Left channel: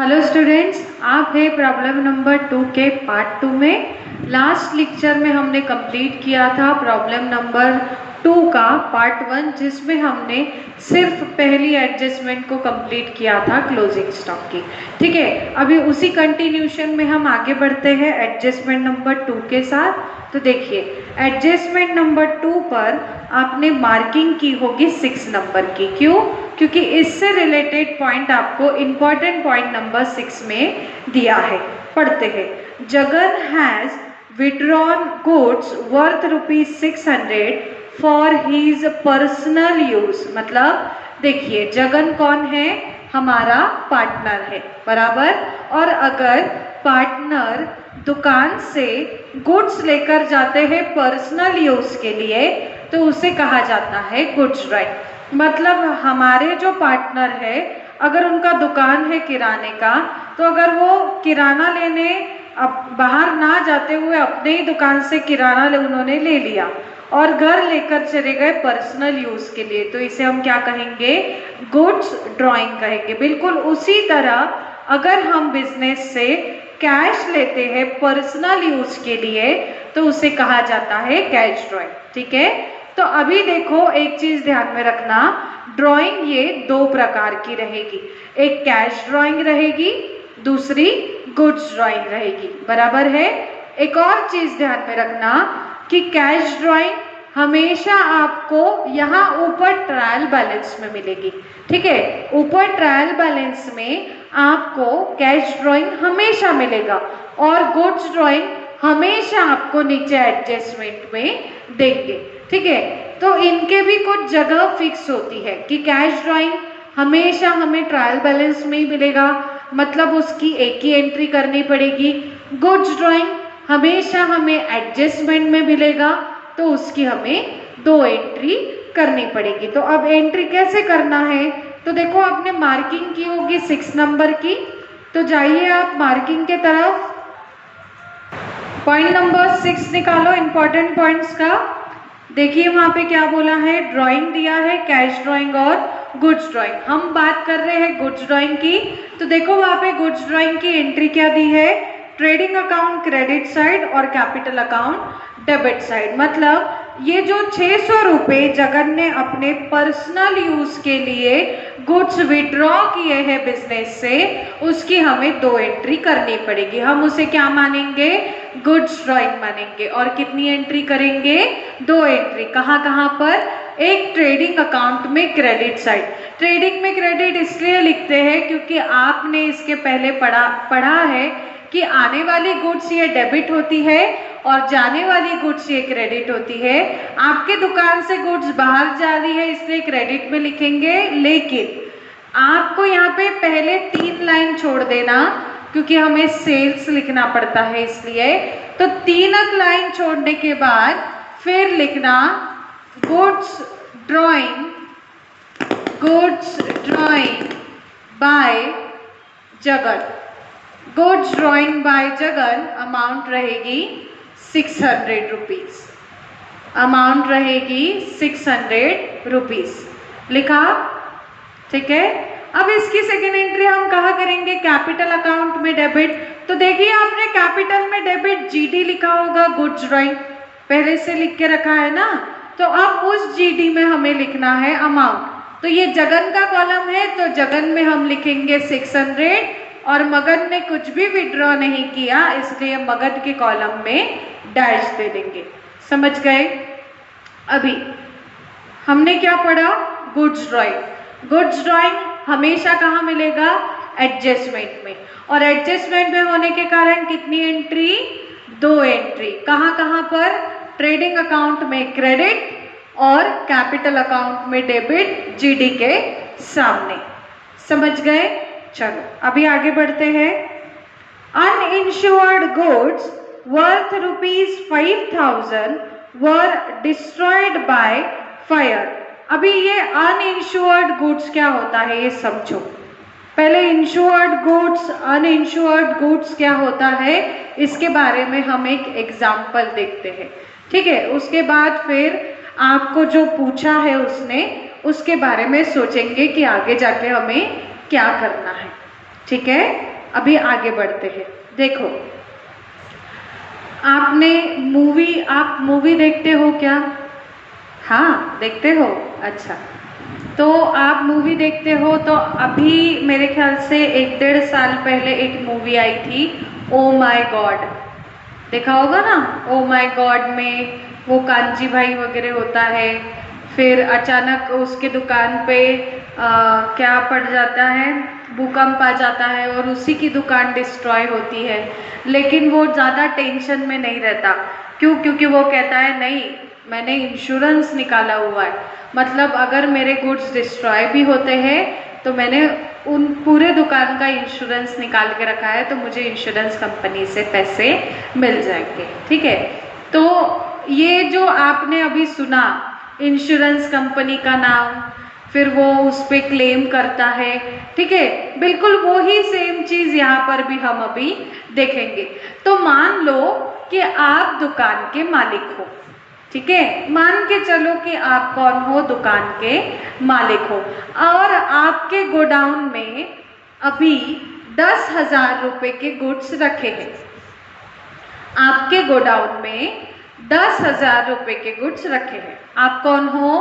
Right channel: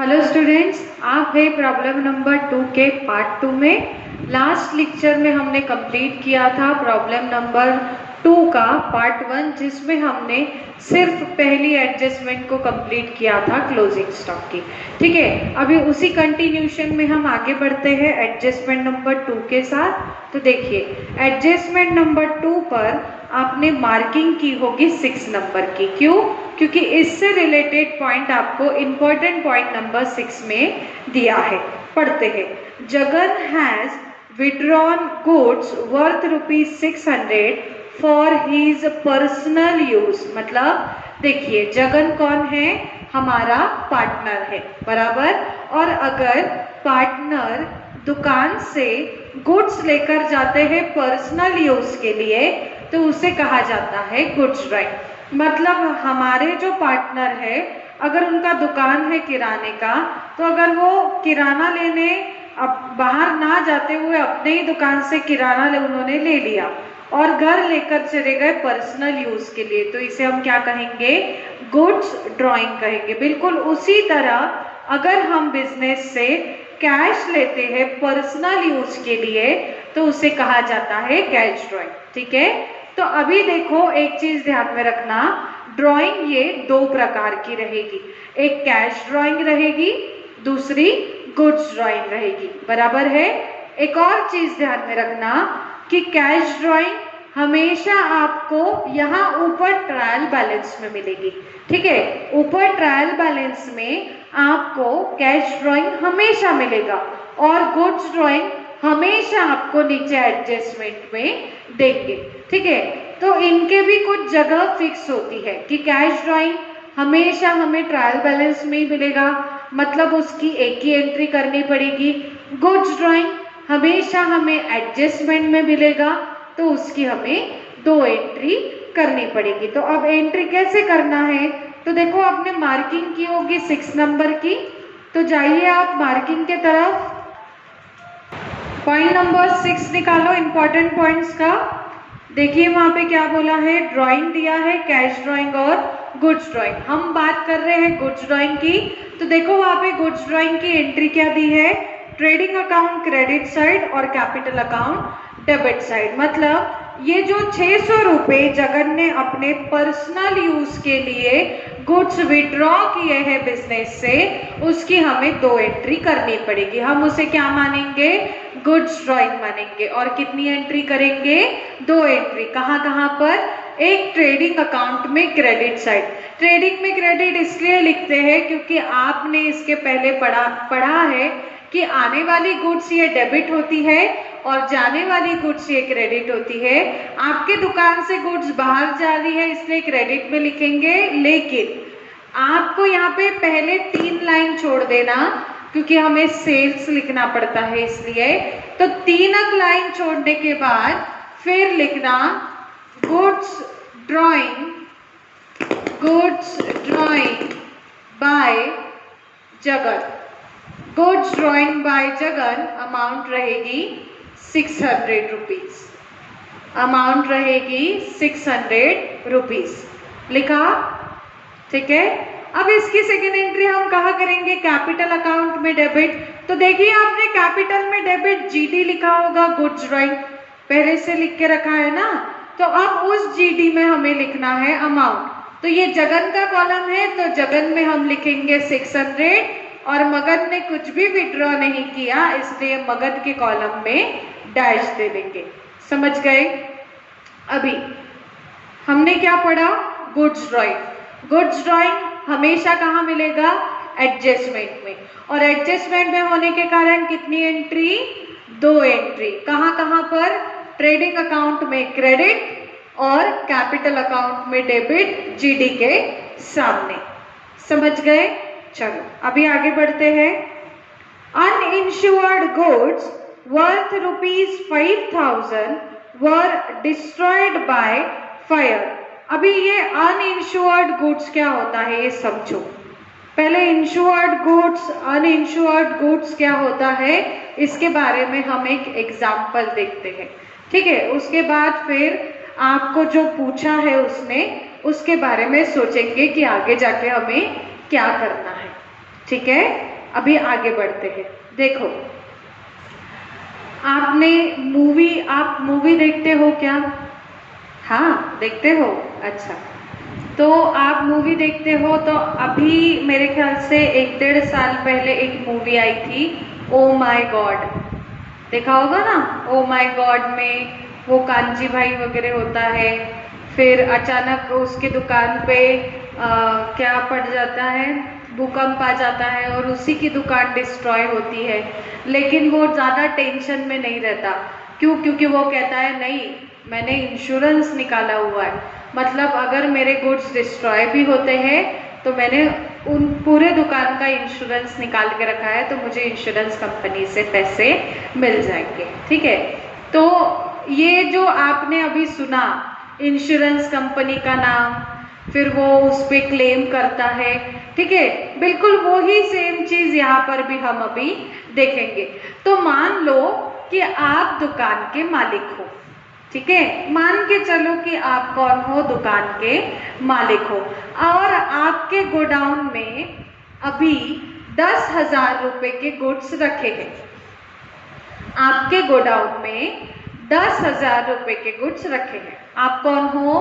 Hello students, आप है problem number 2 के पार्ट 2 में। लास्ट लेक्चर में हमने कंप्लीट किया था प्रॉब्लम नंबर 2 का पार्ट 1, जिसमें हमने सिर्फ पहली एडजस्टमेंट को कंप्लीट किया था क्लोजिंग स्टॉक की। ठीक है, अभी उसी कंटिन्यूशन में हम आगे बढ़ते हैं एडजस्टमेंट नंबर 2 के साथ। तो देखिए, एडजस्टमेंट नंबर 2 पर आपने मार्किंग की होगी 6 नंबर की। क्यों? क्योंकि इससे रिलेटेड पॉइंट आपको इंपॉर्टेंट पॉइंट नंबर 6 में दिया है। पढ़ते हैं। Jagan has withdrawn goods worth ₹600 for his personal use. मतलब देखिए, जगन कौन है? हमारा पार्टनर है, बराबर। और अगर पार्टनर दुकान से गुड्स लेकर जाते हैं पर्सनल यूज के लिए, तो उसे कहा जाता है गुड्स ड्राइंग। मतलब हमारे जो पार्टनर है, अगर उनका दुकान है किराने का, तो अगर वो किराना लेने अब बाहर ना जाते हुए अपने ही दुकान से किराना उन्होंने ले लिया और घर लेकर चले गए पर्सनल यूज के लिए, तो इसे हम क्या कहेंगे? गुड्स ड्राइंग कहेंगे। बिल्कुल उसी तरह अगर हम बिजनेस से कैश लेते हैं पर्सनल यूज के लिए, तो उसे कहा जाता है कैश ड्राइंग। ठीक है, तो अभी देखो, एक चीज ध्यान में रखना, ड्राइंग ये 2 प्रकार की रहेगी। एक कैश ड्राइंग रहेगी, दूसरी गुड्स ड्राइंग रहेगी, बराबर है। एक और चीज ध्यान में रखना कि कैश ड्राइंग हमेशा आपको यहाँ ऊपर ट्रायल बैलेंस में मिलेगी। ठीक है, ऊपर ट्रायल बैलेंस में आपको कैश ड्राइंग हमेशा मिलेगा और गुड्स ड्राइंग हमेशा आपको नीचे एडजस्टमेंट में देंगे। ठीक है, तो इनके भी कुछ जगह फिक्स होती है कि कैश ड्राइंग हमेशा हमें ट्रायल बैलेंस में ही मिलेगा, मतलब उसकी एक ही एंट्री करनी पड़ेगी। गुड्स ड्राइंग हमेशा हमें एडजस्टमेंट में मिलेगा, तो उसकी हमें 2 एंट्री करनी पड़ेगी। तो अब एंट्री कैसे करना है? तो देखो, आपने मार्किंग की होगी 6 नंबर की, तो जाइए आप मार्किंग के तरफ। पॉइंट नंबर 6 निकालो इंपॉर्टेंट पॉइंट्स का। देखिए वहां पे क्या बोला है, ड्राइंग दिया है कैश ड्राइंग और गुड्स ड्राइंग। हम बात कर रहे हैं गुड्स ड्राइंग की, तो देखो वहां पे गुड्स ड्राइंग की एंट्री क्या दी है? ट्रेडिंग अकाउंट क्रेडिट साइड और कैपिटल अकाउंट डेबिट साइड। मतलब ये जो 600 रुपए जगन ने अपने पर्सनल यूज के लिए गुड्स विड्रॉ किए हैं बिजनेस से, उसकी हमें 2 एंट्री करनी पड़ेगी। हम उसे क्या मानेंगे? गुड्स ड्राइंग मानेंगे। और कितनी एंट्री करेंगे? 2 एंट्री। कहाँ कहाँ पर? एक ट्रेडिंग अकाउंट में क्रेडिट साइड। ट्रेडिंग में क्रेडिट इसलिए लिखते हैं क्योंकि आपने इसके पहले पढ़ा है कि आने वाली गुड्स ये डेबिट होती है और जाने वाली गुड्स ये क्रेडिट होती है। आपके दुकान से गुड्स बाहर जा रही है, इसलिए क्रेडिट में लिखेंगे, लेकिन आपको यहाँ पे पहले 3 लाइन छोड़ देना क्योंकि हमें सेल्स लिखना पड़ता है, इसलिए तो 3 लाइन छोड़ने के बाद फिर लिखना goods drawing by Jagan. Goods drawing by Jagan amount रहेगी 600 रुपीज। अमाउंट रहेगी 600 रुपीज। लिखा? ठीक है, अब इसकी सेकेंड एंट्री हम कहाँ करेंगे? कैपिटल अकाउंट में डेबिट। तो देखिए, आपने कैपिटल में डेबिट जीडी लिखा होगा, गुड्स ड्राइंग पहले से लिख के रखा है ना, तो अब उस जीडी में हमें लिखना है अमाउंट। तो ये जगन का कॉलम है, तो जगन में हम लिखेंगे 600 और मगन ने कुछ भी विड्रॉ नहीं किया, इसलिए मगन के कॉलम में डैश दे देंगे। समझ गए? अभी हमने क्या पढ़ा? Goods drawing. गुड्स ड्राइंग हमेशा कहाँ मिलेगा? एडजस्टमेंट में। और एडजस्टमेंट में होने के कारण कितनी एंट्री? 2 एंट्री। कहाँ कहाँ पर? ट्रेडिंग अकाउंट में क्रेडिट और कैपिटल अकाउंट में डेबिट, जीडी के सामने। समझ गए? चलो अभी आगे बढ़ते हैं। Uninsured goods worth ₹5,000 were destroyed by fire. अभी ये अनइंश्योर्ड गुड्स क्या होता है ये समझो। पहले इंश्योर्ड गुड्स, अनइंश्योर्ड गुड्स क्या होता है, इसके बारे में हम एक एग्जाम्पल देखते हैं। ठीक है, उसके बाद फिर आपको जो पूछा है उसने, उसके बारे में सोचेंगे कि आगे जाके हमें क्या करना है। ठीक है। अभी आगे बढ़ते हैं। देखो, आप मूवी देखते हो क्या? हाँ, देखते हो। अच्छा, तो आप मूवी देखते हो तो अभी मेरे ख्याल से 1-1.5 साल पहले एक मूवी आई थी, ओ माय गॉड। देखा होगा ना? ओ माय गॉड में वो कांची भाई वगैरह होता है, फिर अचानक उसके दुकान पे क्या पड़ जाता है, भूकंप आ जाता है और उसी की दुकान डिस्ट्रॉय होती है। लेकिन वो ज़्यादा टेंशन में नहीं रहता। क्यों? क्योंकि वो कहता है नहीं, मैंने इंश्योरेंस निकाला हुआ है, मतलब अगर मेरे गुड्स डिस्ट्रॉय भी होते हैं तो मैंने उन पूरे दुकान का इंश्योरेंस निकाल के रखा है, तो मुझे इंश्योरेंस कंपनी से पैसे मिल जाएंगे। ठीक है, तो ये जो आपने अभी सुना, इंश्योरेंस कंपनी का नाम, फिर वो उस पर क्लेम करता है। ठीक है, बिल्कुल वो ही सेम चीज यहाँ पर भी हम अभी देखेंगे। तो मान लो कि आप दुकान के मालिक हो। ठीक है, मान के चलो कि आप कौन हो? दुकान के मालिक हो, और आपके गोडाउन में अभी 10,000 रुपए के गुड्स रखे हैं। आपके गोडाउन में 10,000 रुपए के गुड्स रखे हैं। आप कौन हो?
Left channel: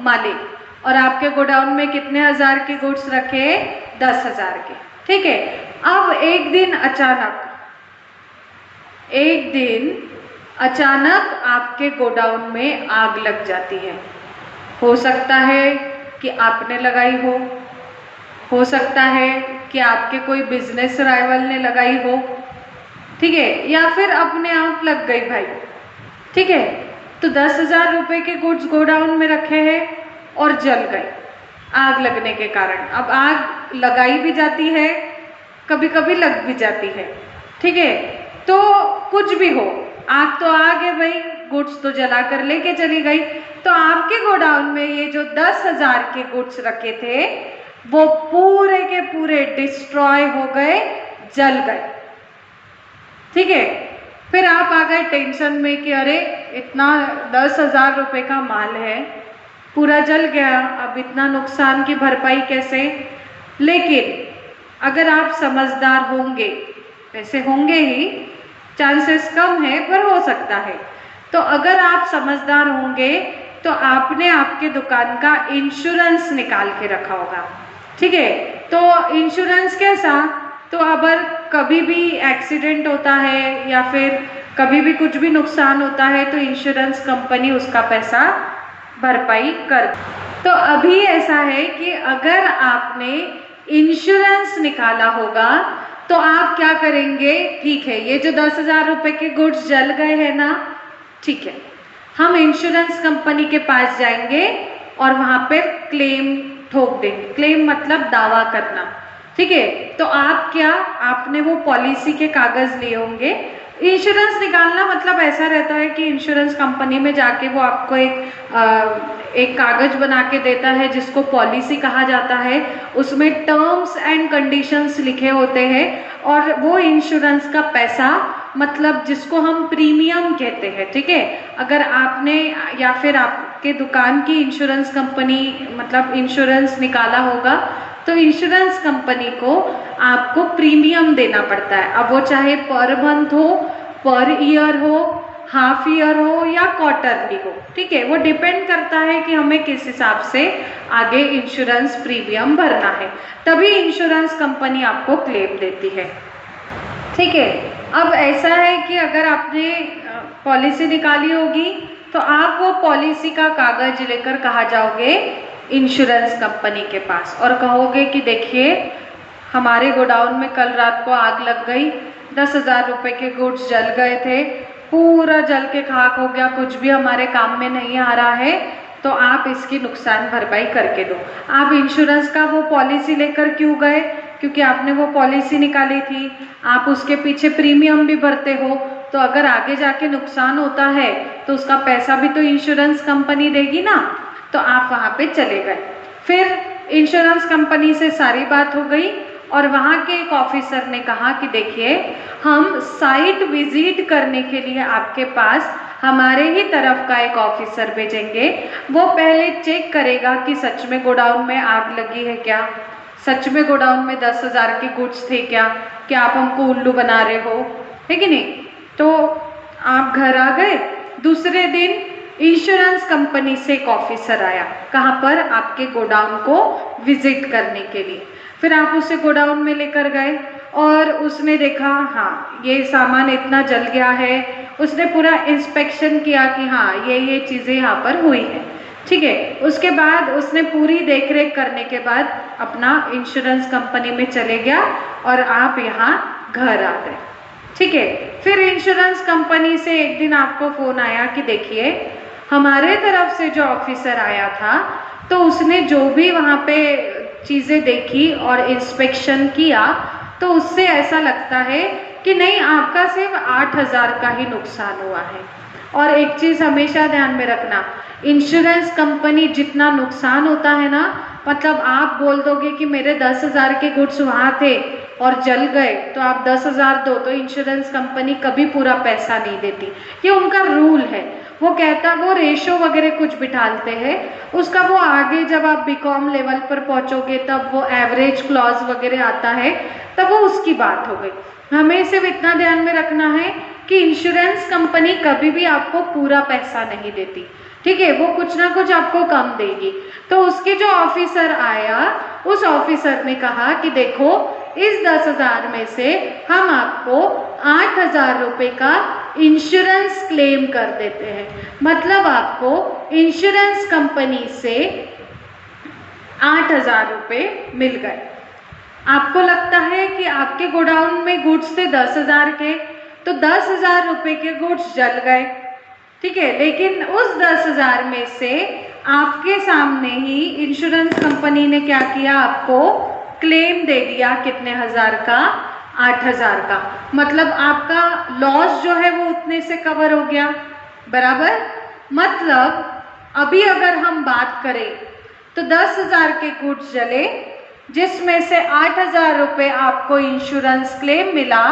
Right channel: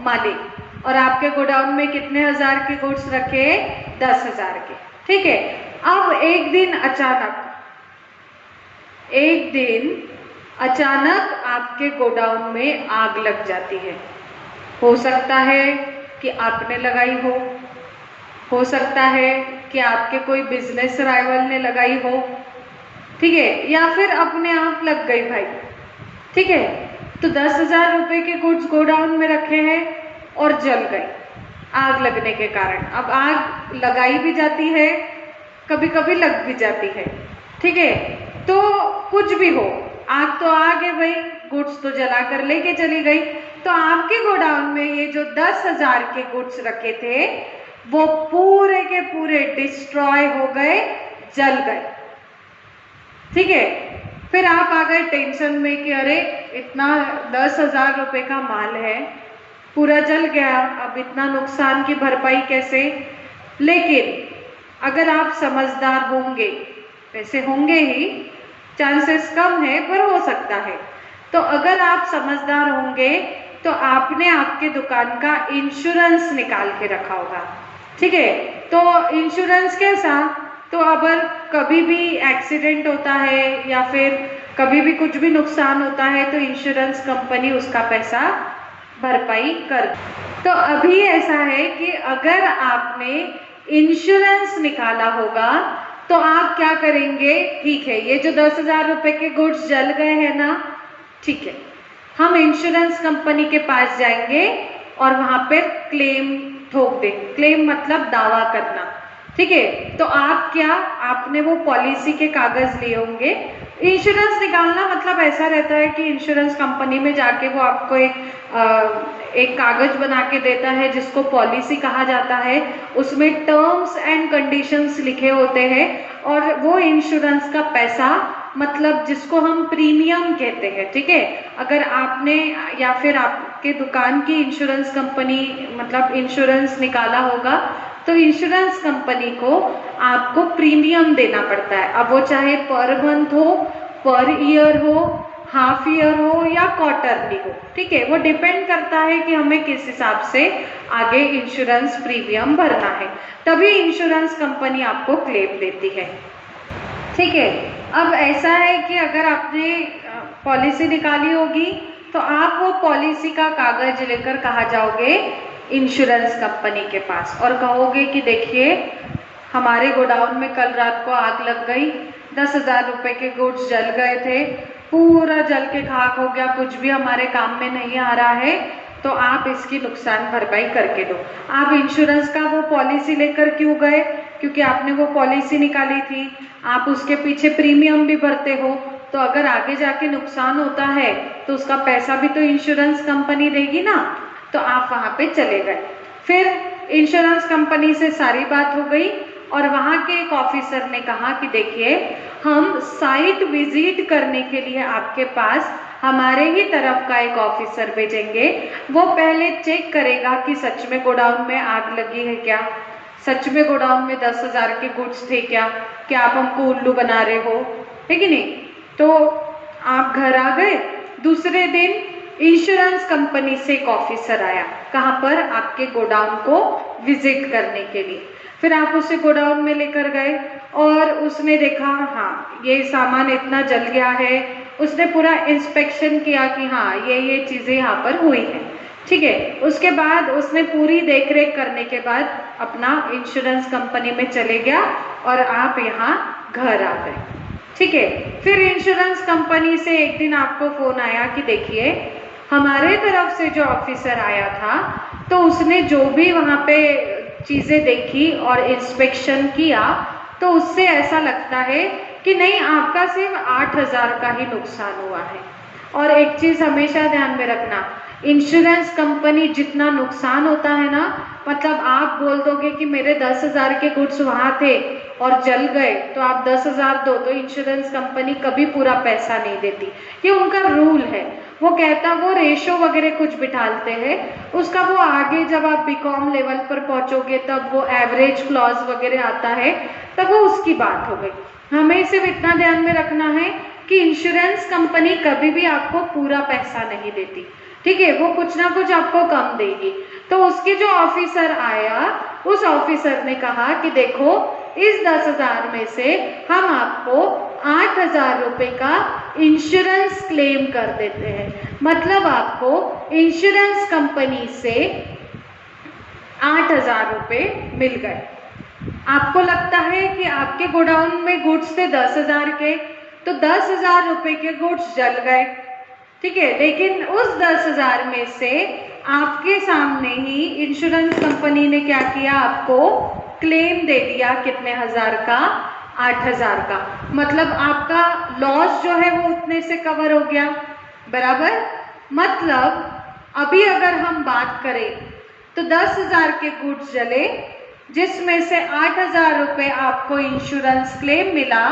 मालिक। और आपके गोडाउन में कितने हजार के गुड्स रखे? 10,000 के। ठीक है, अब एक दिन अचानक आपके गोडाउन में आग लग जाती है। हो सकता है कि आपने लगाई हो सकता है कि आपके कोई बिजनेस राइवल ने लगाई हो। ठीक है, या फिर अपने आप लग गई भाई। ठीक है, तो 10,000 रुपए के गुड्स गोडाउन में रखे हैं और जल गए आग लगने के कारण। अब आग लगाई भी जाती है, कभी कभी लग भी जाती है। ठीक है, तो कुछ भी हो, आग तो आग है भाई, गुड्स तो जला कर लेके चली गई। तो आपके गोडाउन में ये जो 10,000 के गुड्स रखे थे वो पूरे के पूरे डिस्ट्रॉय हो गए, जल गए। ठीक है, फिर आप आ गए टेंशन में कि अरे इतना 10,000 रुपए का माल है, पूरा जल गया, अब इतना नुकसान की भरपाई कैसे? लेकिन अगर आप समझदार होंगे, वैसे होंगे ही, चांसेस कम है पर हो सकता है, तो अगर आप समझदार होंगे तो आपने आपके दुकान का इंश्योरेंस निकाल के रखा होगा। ठीक है, तो इंश्योरेंस कैसा? तो अगर कभी भी एक्सीडेंट होता है या फिर कभी भी कुछ भी नुकसान होता है तो इंश्योरेंस कंपनी उसका पैसा भरपाई कर। तो अभी ऐसा है कि अगर आपने इंश्योरेंस निकाला होगा तो आप क्या करेंगे? ठीक है, ये जो 10,000 रुपए के गुड्स जल गए हैं ना, ठीक है, हम इंश्योरेंस कंपनी के पास जाएंगे और वहां पे क्लेम ठोक देंगे। क्लेम मतलब दावा करना। ठीक है, तो आपने वो पॉलिसी के कागज लिए होंगे। इंश्योरेंस निकालना मतलब ऐसा रहता है कि इंश्योरेंस कंपनी में जाके वो आपको एक कागज बना के देता है जिसको पॉलिसी कहा जाता है। उसमें टर्म्स एंड कंडीशंस लिखे होते हैं और वो इंश्योरेंस का पैसा, मतलब जिसको हम प्रीमियम कहते हैं। ठीक है, अगर आपने या फिर आपके दुकान की इंश्योरेंस कंपनी मतलब इंश्योरेंस निकाला होगा तो इंश्योरेंस कंपनी को आपको प्रीमियम देना पड़ता है। अब वो चाहे पर मंथ हो, पर ईयर हो, हाफ ईयर हो या क्वार्टरली हो। ठीक है, वो डिपेंड करता है कि हमें किस हिसाब से आगे इंश्योरेंस प्रीमियम भरना है, तभी इंश्योरेंस कंपनी आपको क्लेम देती है। ठीक है, अब ऐसा है कि अगर आपने पॉलिसी निकाली होगी तो आप वो पॉलिसी का कागज लेकर कहाँ जाओगे? इंश्योरेंस कंपनी के पास, और कहोगे कि देखिए हमारे गोडाउन में कल रात को आग लग गई, 10,000 रुपए के गुड्स जल गए थे, पूरा जल के खाक हो गया, कुछ भी हमारे काम में नहीं आ रहा है, तो आप इसकी नुकसान भरपाई करके दो। आप इंश्योरेंस का वो पॉलिसी लेकर क्यों गए? क्योंकि आपने वो पॉलिसी निकाली थी, आप उसके पीछे प्रीमियम भी भरते हो, तो अगर आगे जाके नुकसान होता है तो उसका पैसा भी तो इंश्योरेंस कंपनी देगी ना। तो आप वहां पे चले गए, फिर इंश्योरेंस कंपनी से सारी बात हो गई और वहां के एक ऑफिसर ने कहा कि देखिए हम साइट विजिट करने के लिए आपके पास हमारे ही तरफ का एक ऑफिसर भेजेंगे। वो पहले चेक करेगा कि सच में गोडाउन में आग लगी है क्या, सच में गोडाउन में 10,000 के गुड्स थे क्या आप हमको उल्लू बना रहे हो, है कि नहीं। तो आप घर आ गए, दूसरे दिन इंश्योरेंस कंपनी से एक ऑफिसर आया, कहाँ पर, आपके गोडाउन को विजिट करने के लिए। फिर आप उसे गोडाउन में लेकर गए और उसने देखा हाँ ये सामान इतना जल गया है, उसने पूरा इंस्पेक्शन किया कि हाँ ये चीजें यहाँ पर हुई है, ठीक है। उसके बाद उसने पूरी देखरेख करने के बाद अपना इंश्योरेंस कंपनी में चले गया और आप यहाँ घर आ गए, ठीक है। फिर इंश्योरेंस कंपनी से एक दिन आपको फोन आया कि देखिए हमारे तरफ से जो ऑफिसर आया था तो उसने जो भी वहाँ पे चीजें देखी और इंस्पेक्शन किया तो उससे ऐसा लगता है कि नहीं आपका सिर्फ 8,000 का ही नुकसान हुआ है। और एक चीज हमेशा ध्यान में रखना, इंश्योरेंस कंपनी जितना नुकसान होता है ना, मतलब आप बोल दोगे कि मेरे 10,000 के गुड्स वहां थे और जल गए तो आप 10,000 दो, तो इंश्योरेंस कंपनी कभी पूरा पैसा नहीं देती, ये उनका रूल है। वो कहता वो रेशो वगैरह कुछ बिठाते हैं, उसका वो आगे जब आप बीकॉम लेवल पर पहुंचोगे तब वो एवरेज क्लॉज वगैरह आता है, तब वो उसकी बात हो गई। हमें सिर्फ इतना ध्यान में रखना है कि इंश्योरेंस कंपनी कभी भी आपको पूरा पैसा नहीं देती, ठीक है, वो कुछ ना कुछ आपको कम देगी। तो उसके जो ऑफिसर आया, उस ऑफिसर ने कहा कि देखो इस 10,000 में से हम आपको 8,000 रुपए का इंश्योरेंस क्लेम कर देते हैं, मतलब आपको इंश्योरेंस कंपनी से 8,000 रुपए मिल गए। आपको लगता है कि आपके गोडाउन में गुड्स थे 10,000 के, तो 10,000 रुपए के गुड्स जल गए, ठीक है, लेकिन उस 10,000 में से आपके सामने ही इंश्योरेंस कंपनी ने क्या किया, आपको क्लेम दे दिया कितने हजार का, 8,000 का, मतलब आपका लॉस जो है वो उतने से कवर हो गया, बराबर। मतलब अभी अगर हम बात करें तो 10,000 के गुड्स जले जिसमें से 8,000 रुपए आपको इंश्योरेंस क्लेम मिला,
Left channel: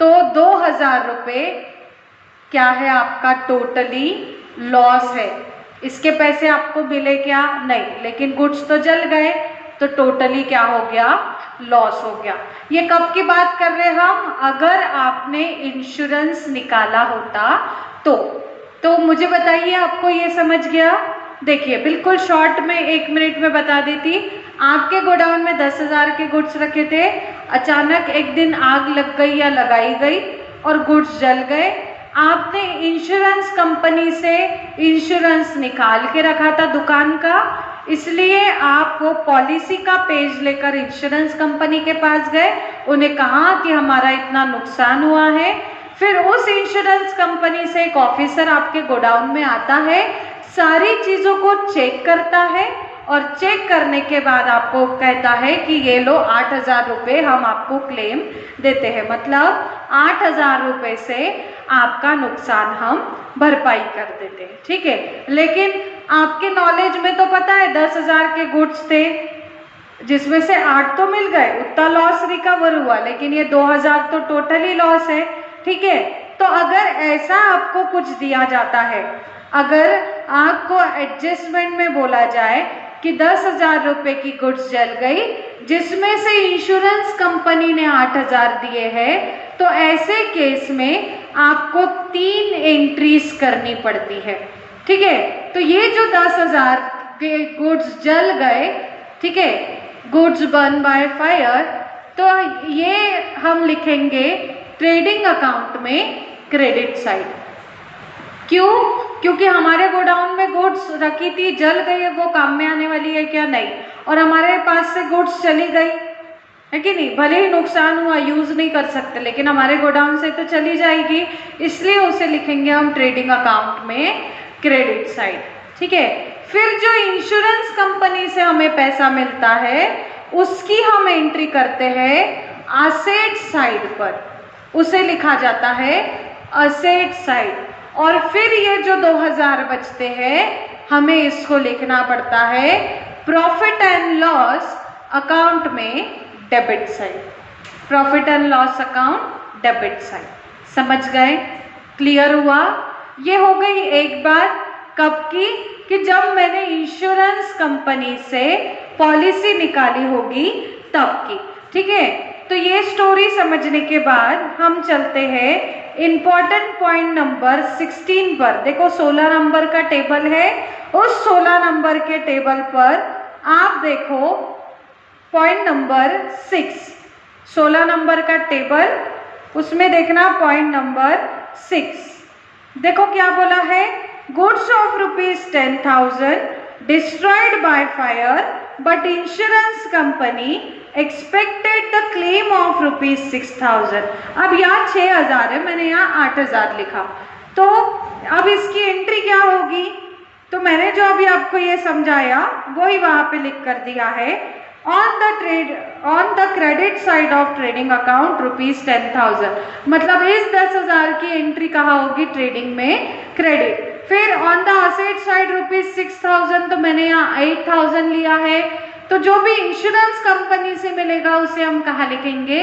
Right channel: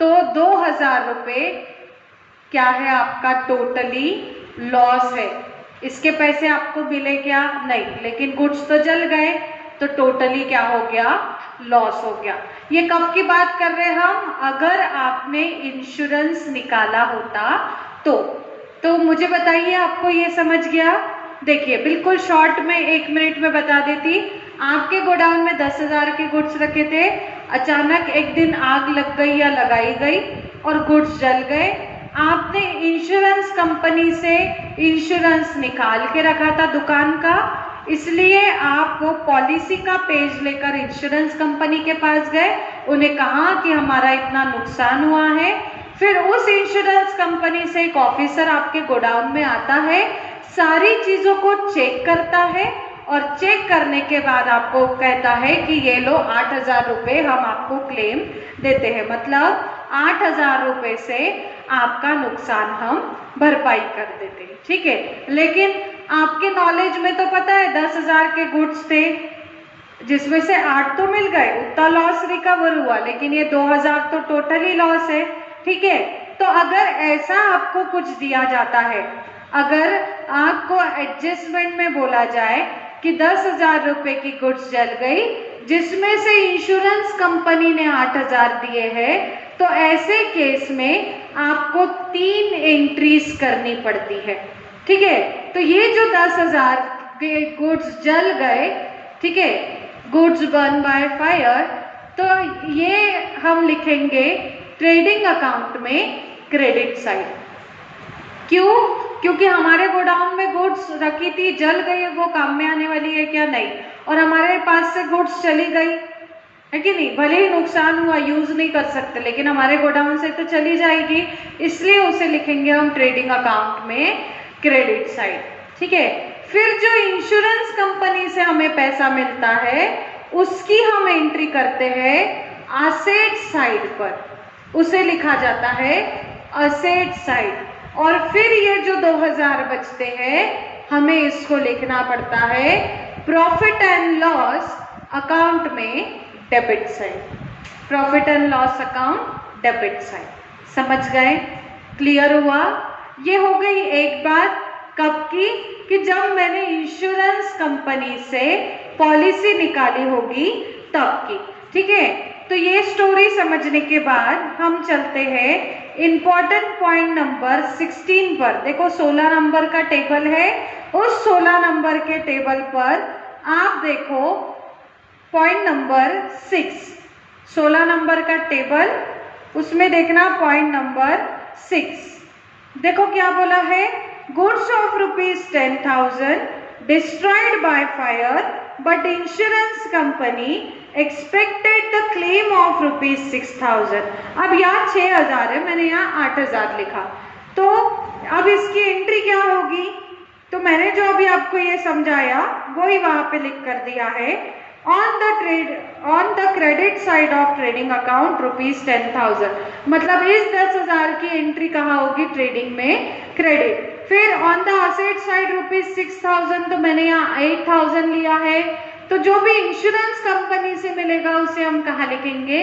तो 2,000 रुपए क्या है आपका टोटली लॉस है। इसके पैसे आपको मिले क्या, नहीं, लेकिन गुड्स तो जल गए तो टोटली क्या हो गया, लॉस हो गया। ये कब की बात कर रहे हैं हम, अगर आपने इंश्योरेंस निकाला होता तो मुझे बताइए आपको ये समझ गया। देखिए बिल्कुल शॉर्ट में 1 मिनट में बता देती। आपके गोडाउन में 10,000 के गुड्स रखे थे, अचानक एक दिन आग लग गई या लगाई गई और गुड्स जल गए। आपने इंश्योरेंस कंपनी से इंश्योरेंस निकाल के रखा था दुकान का, इसलिए आप वो पॉलिसी का पेज लेकर इंश्योरेंस कंपनी के पास गए, उन्हें कहा कि हमारा इतना नुकसान हुआ है। फिर उस इंश्योरेंस कंपनी से एक ऑफिसर आपके गोडाउन में आता है, सारी चीजों को चेक करता है और चेक करने के बाद आपको कहता है कि ये लो 8,000 रुपए हम आपको क्लेम देते हैं, मतलब 8,000 रुपए से आपका नुकसान हम भरपाई कर देते हैं, ठीक है। लेकिन आपके नॉलेज में तो पता है 10,000 के गुड्स थे जिसमें से 8 तो मिल गए, उतना लॉस रिकवर हुआ, लेकिन ये 2,000 तो टोटली लॉस है, ठीक है। तो अगर ऐसा आपको कुछ दिया जाता है, अगर आपको एडजस्टमेंट में बोला जाए कि 10,000 रुपए की गुड्स जल गई जिसमें से इंश्योरेंस कंपनी ने 8,000 दिए हैं, तो ऐसे केस में आपको 3 एंट्रीज करनी पड़ती है, ठीक है। तो ये जो 10,000 के गुड्स जल गए, ठीक है, गुड्स बर्न बाय फायर, तो ये हम लिखेंगे ट्रेडिंग अकाउंट में क्रेडिट साइड। क्यों, क्योंकि हमारे गोडाउन में गुड्स रखी थी, जल गई है, वो काम में आने वाली है क्या, नहीं, और हमारे पास से गुड्स चली गई है कि नहीं, भले ही नुकसान हुआ, यूज नहीं कर सकते, लेकिन हमारे गोडाउन से तो चली जाएगी, इसलिए उसे लिखेंगे हम ट्रेडिंग अकाउंट में क्रेडिट साइड, ठीक है। फिर जो इंश्योरेंस कंपनी से हमें पैसा मिलता है उसकी हम एंट्री करते हैं असेट साइड पर, उसे लिखा जाता है असेट साइड। और फिर ये जो 2,000 बचते हैं हमें इसको लिखना पड़ता है प्रॉफिट एंड लॉस अकाउंट में debit side, profit and loss account debit side. समझ गए, क्लियर हुआ। ये हो गई एक बात, कब की, कि जब मैंने इंश्योरेंस कंपनी से पॉलिसी निकाली होगी तब की। ठीक है, तो ये स्टोरी समझने के बाद हम चलते हैं इंपॉर्टेंट पॉइंट नंबर 16 पर। देखो 16 नंबर का टेबल है, उस 16 नंबर के टेबल पर आप देखो पॉइंट नंबर 6, 16 नंबर का टेबल, उसमें देखना पॉइंट नंबर 6। देखो क्या बोला है, goods of ₹10,000 destroyed by fire but insurance company expected the claim of ₹6,000। अब यहाँ 6,000 है, मैंने यहाँ 8,000 लिखा, तो अब इसकी एंट्री क्या होगी? तो मैंने जो अभी आपको ये समझाया वही वहां पे लिख कर दिया है। On the credit side of trading account ₹10,000, मतलब इस 10,000 की एंट्री कहाँ होगी? ट्रेडिंग में क्रेडिट। फिर ऑन द असेट साइड ₹6,000, तो मैंने यहाँ 8,000 लिया है। तो जो भी इंश्योरेंस कंपनी से मिलेगा उसे हम कहाँ लिखेंगे?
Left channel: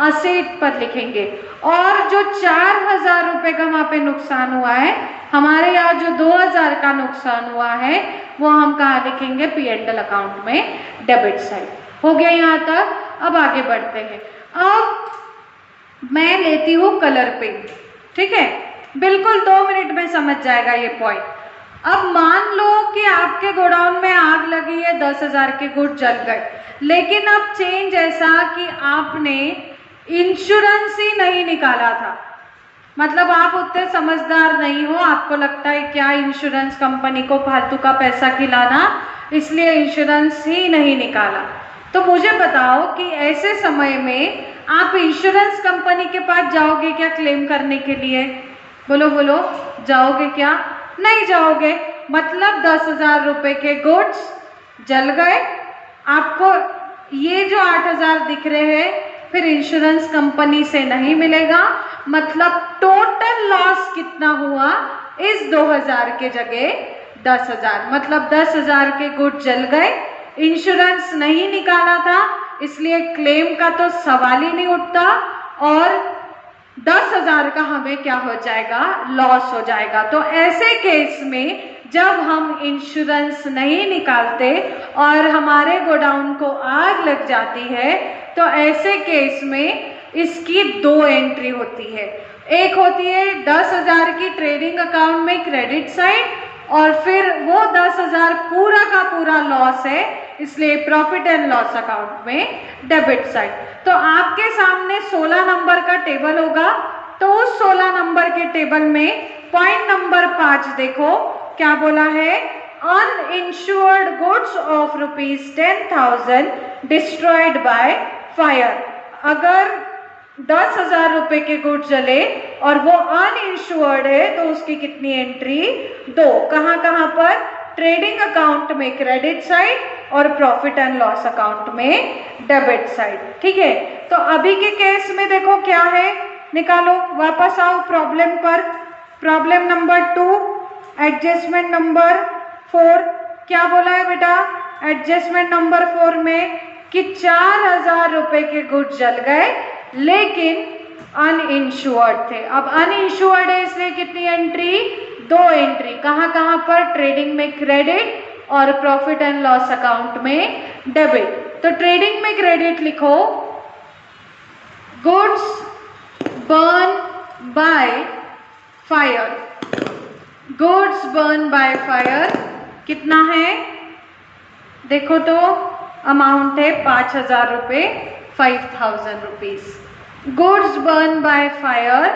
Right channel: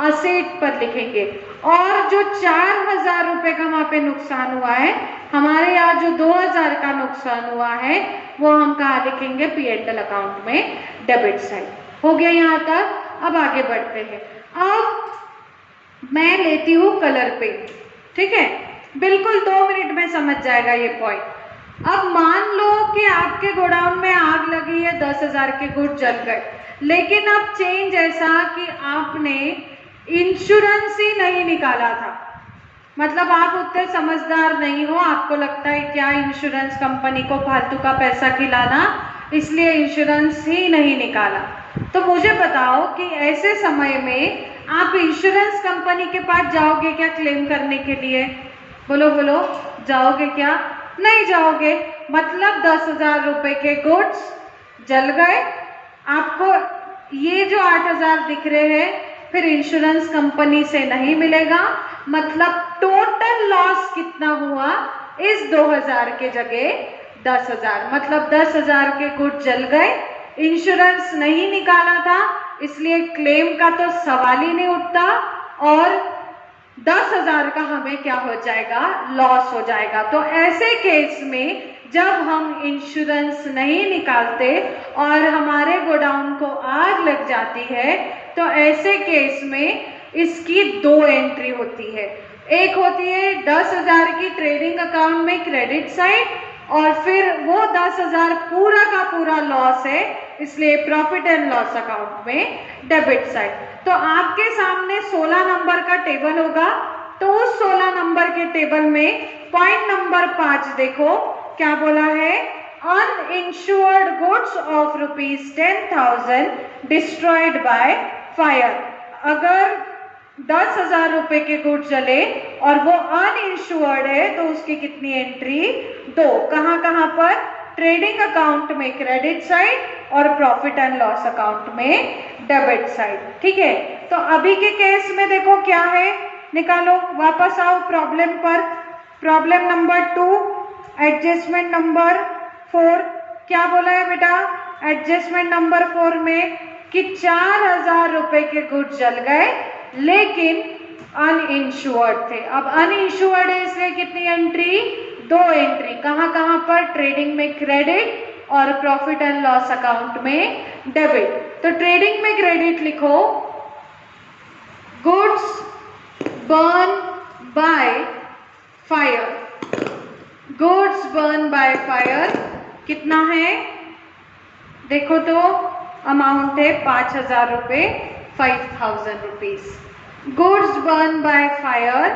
असेट पर लिखेंगे। और जो 4,000 रुपए का वहां पे नुकसान हुआ है, हमारे यहाँ जो 2,000 का नुकसान हुआ है वो हम कहाँ लिखेंगे? P&L अकाउंट में डेबिट साइड। हो गया यहाँ तक? अब आगे बढ़ते हैं। अब मैं लेती हूँ कलर पेंट। ठीक है, बिल्कुल 2 मिनट में समझ जाएगा ये पॉइंट। अब मान लो कि आपके गोडाउन में आग लगी है, 10,000 के गुड जल गए, लेकिन अब चेंज ऐसा कि आपने इंश्योरेंस ही नहीं निकाला था। मतलब आप उतने समझदार नहीं हो, आपको लगता है क्या इंश्योरेंस कंपनी को फालतू का पैसा खिलाना, इसलिए इंश्योरेंस ही नहीं निकाला। तो मुझे बताओ कि ऐसे समय में आप इंश्योरेंस कंपनी के पास जाओगे क्या क्लेम करने के लिए? बोलो बोलो, जाओगे क्या? नहीं जाओगे। मतलब 10,000 रुपए के गुड्स जल गए, आपको ये जो 8,000 दिख रहे हैं फिर इंश्योरेंस कंपनी से नहीं मिलेगा। मतलब टोटल लॉस कितना हुआ? इस 2,000 के जगह 10,000, मतलब 10,000 के गुड जल गए, इंश्योरेंस नहीं निकाला था, इसलिए क्लेम का तो सवाल ही नहीं उठता, और 10,000 का हमें क्या हो जाएगा? लॉस हो जाएगा। तो ऐसे केस में जब हम इंश्योरेंस नहीं निकालते और हमारे गोडाउन को आग लग जाती है, तो ऐसे केस में इसकी 2 एंट्री होती है। एक होती है 10,000 की ट्रेडिंग अकाउंट में क्रेडिट साइड, और फिर वो 10,000 पूरा का पूरा लॉस है, इसलिए प्रॉफिट एंड लॉस अकाउंट में डेबिट साइड। तो आपके सामने 16 नंबर का टेबल होगा, तो उस 16 नंबर के टेबल में पॉइंट नंबर 5 देखो क्या बोला है, uninsured goods of ₹10,000 destroyed by fire. अगर 10,000 रुपए के गुड जले और वो अनइंश्योर्ड है तो उसकी कितनी एंट्री? 2। कहां कहां पर? ट्रेडिंग अकाउंट में क्रेडिट साइड और प्रॉफिट एंड लॉस अकाउंट में डेबिट साइड। ठीक है, तो अभी के केस में देखो क्या है, निकालो, वापस आओ प्रॉब्लम पर। Problem number 2, adjustment number 4। क्या बोला है बेटा एडजस्टमेंट नंबर 4 में? कि 4,000 रुपए के गुड जल गए लेकिन अनइंश्योर्ड थे। अब अनइंश्योर्ड है इसलिए कितनी एंट्री? 2 एंट्री। कहां कहां पर? ट्रेडिंग में क्रेडिट और प्रॉफिट एंड लॉस अकाउंट में डेबिट। तो ट्रेडिंग में क्रेडिट लिखो, goods burn by fire. Goods burn by fire कितना है? देखो तो अमाउंट है 5,000 रुपए, 5,000 rupees. Goods burn by fire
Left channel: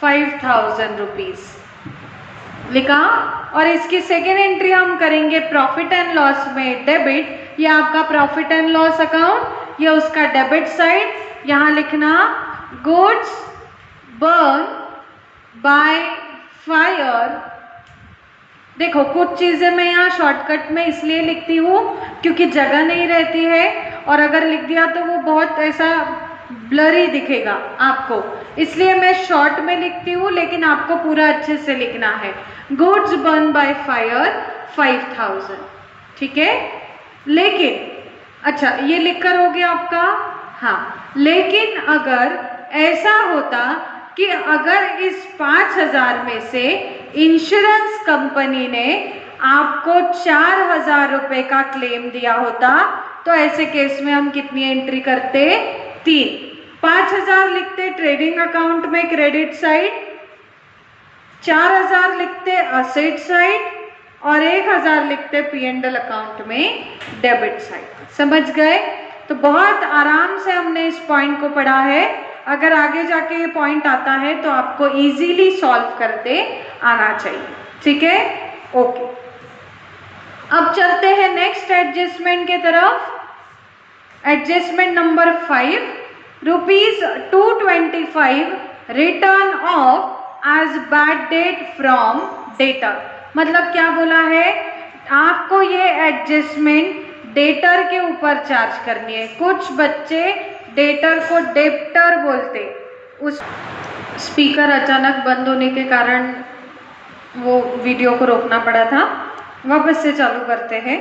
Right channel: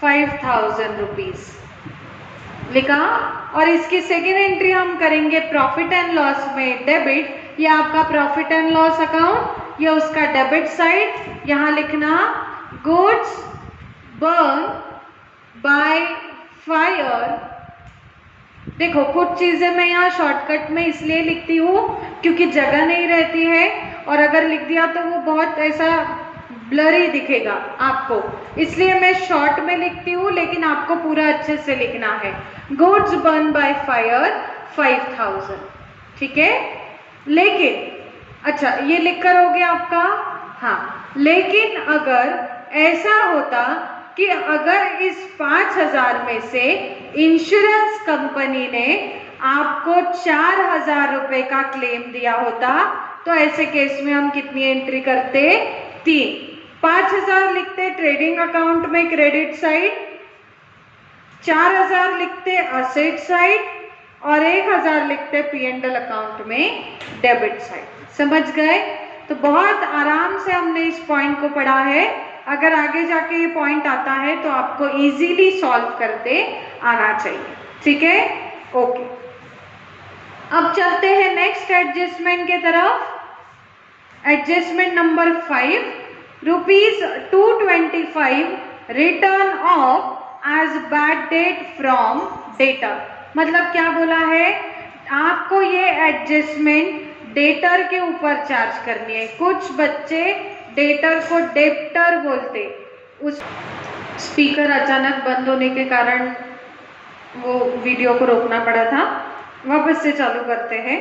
5,000 rupees लिखा। और इसकी सेकेंड एंट्री हम करेंगे प्रॉफिट एंड लॉस में डेबिट। ये आपका प्रॉफिट एंड लॉस अकाउंट, ये उसका डेबिट साइड। यहां लिखना गुड्स बर्न बाय फायर। देखो कुछ चीजें मैं यहाँ शॉर्टकट में इसलिए लिखती हूँ क्योंकि जगह नहीं रहती है, और अगर लिख दिया तो वो बहुत ऐसा ब्लरी दिखेगा आपको, इसलिए मैं शॉर्ट में लिखती हूँ, लेकिन आपको पूरा अच्छे से लिखना है। Goods burn by fire 5,000। ठीक है, लेकिन अच्छा ये लिखकर हो गया आपका। हाँ, लेकिन अगर ऐसा होता कि अगर इस 5,000 में से इंश्योरेंस कंपनी ने आपको 4,000 रुपए का क्लेम दिया होता, तो ऐसे केस में हम कितनी एंट्री करते, 3। 5000 लिखते ट्रेडिंग अकाउंट में क्रेडिट साइड, 4000 लिखते असेट साइड और 1000 लिखते P&L अकाउंट में डेबिट साइड। समझ गए? तो बहुत आराम से हमने इस पॉइंट को पढ़ा है। अगर आगे जाके ये पॉइंट आता है तो आपको इजीली सॉल्व करते आना चाहिए। ठीक है, ओके। अब चलते हैं नेक्स्ट एडजस्टमेंट के तरफ। Adjustment number 5, ₹225 written off as bad debt from debtor. मतलब क्या बोला है, आपको ये एडजस्टमेंट डेटर के ऊपर चार्ज करनी है। कुछ बच्चे डेटर को डेप्टर बोलते, उस स्पीकर अचानक बंद होने के कारण वो वीडियो को रोकना पड़ा था। वापस से चालू करते हैं।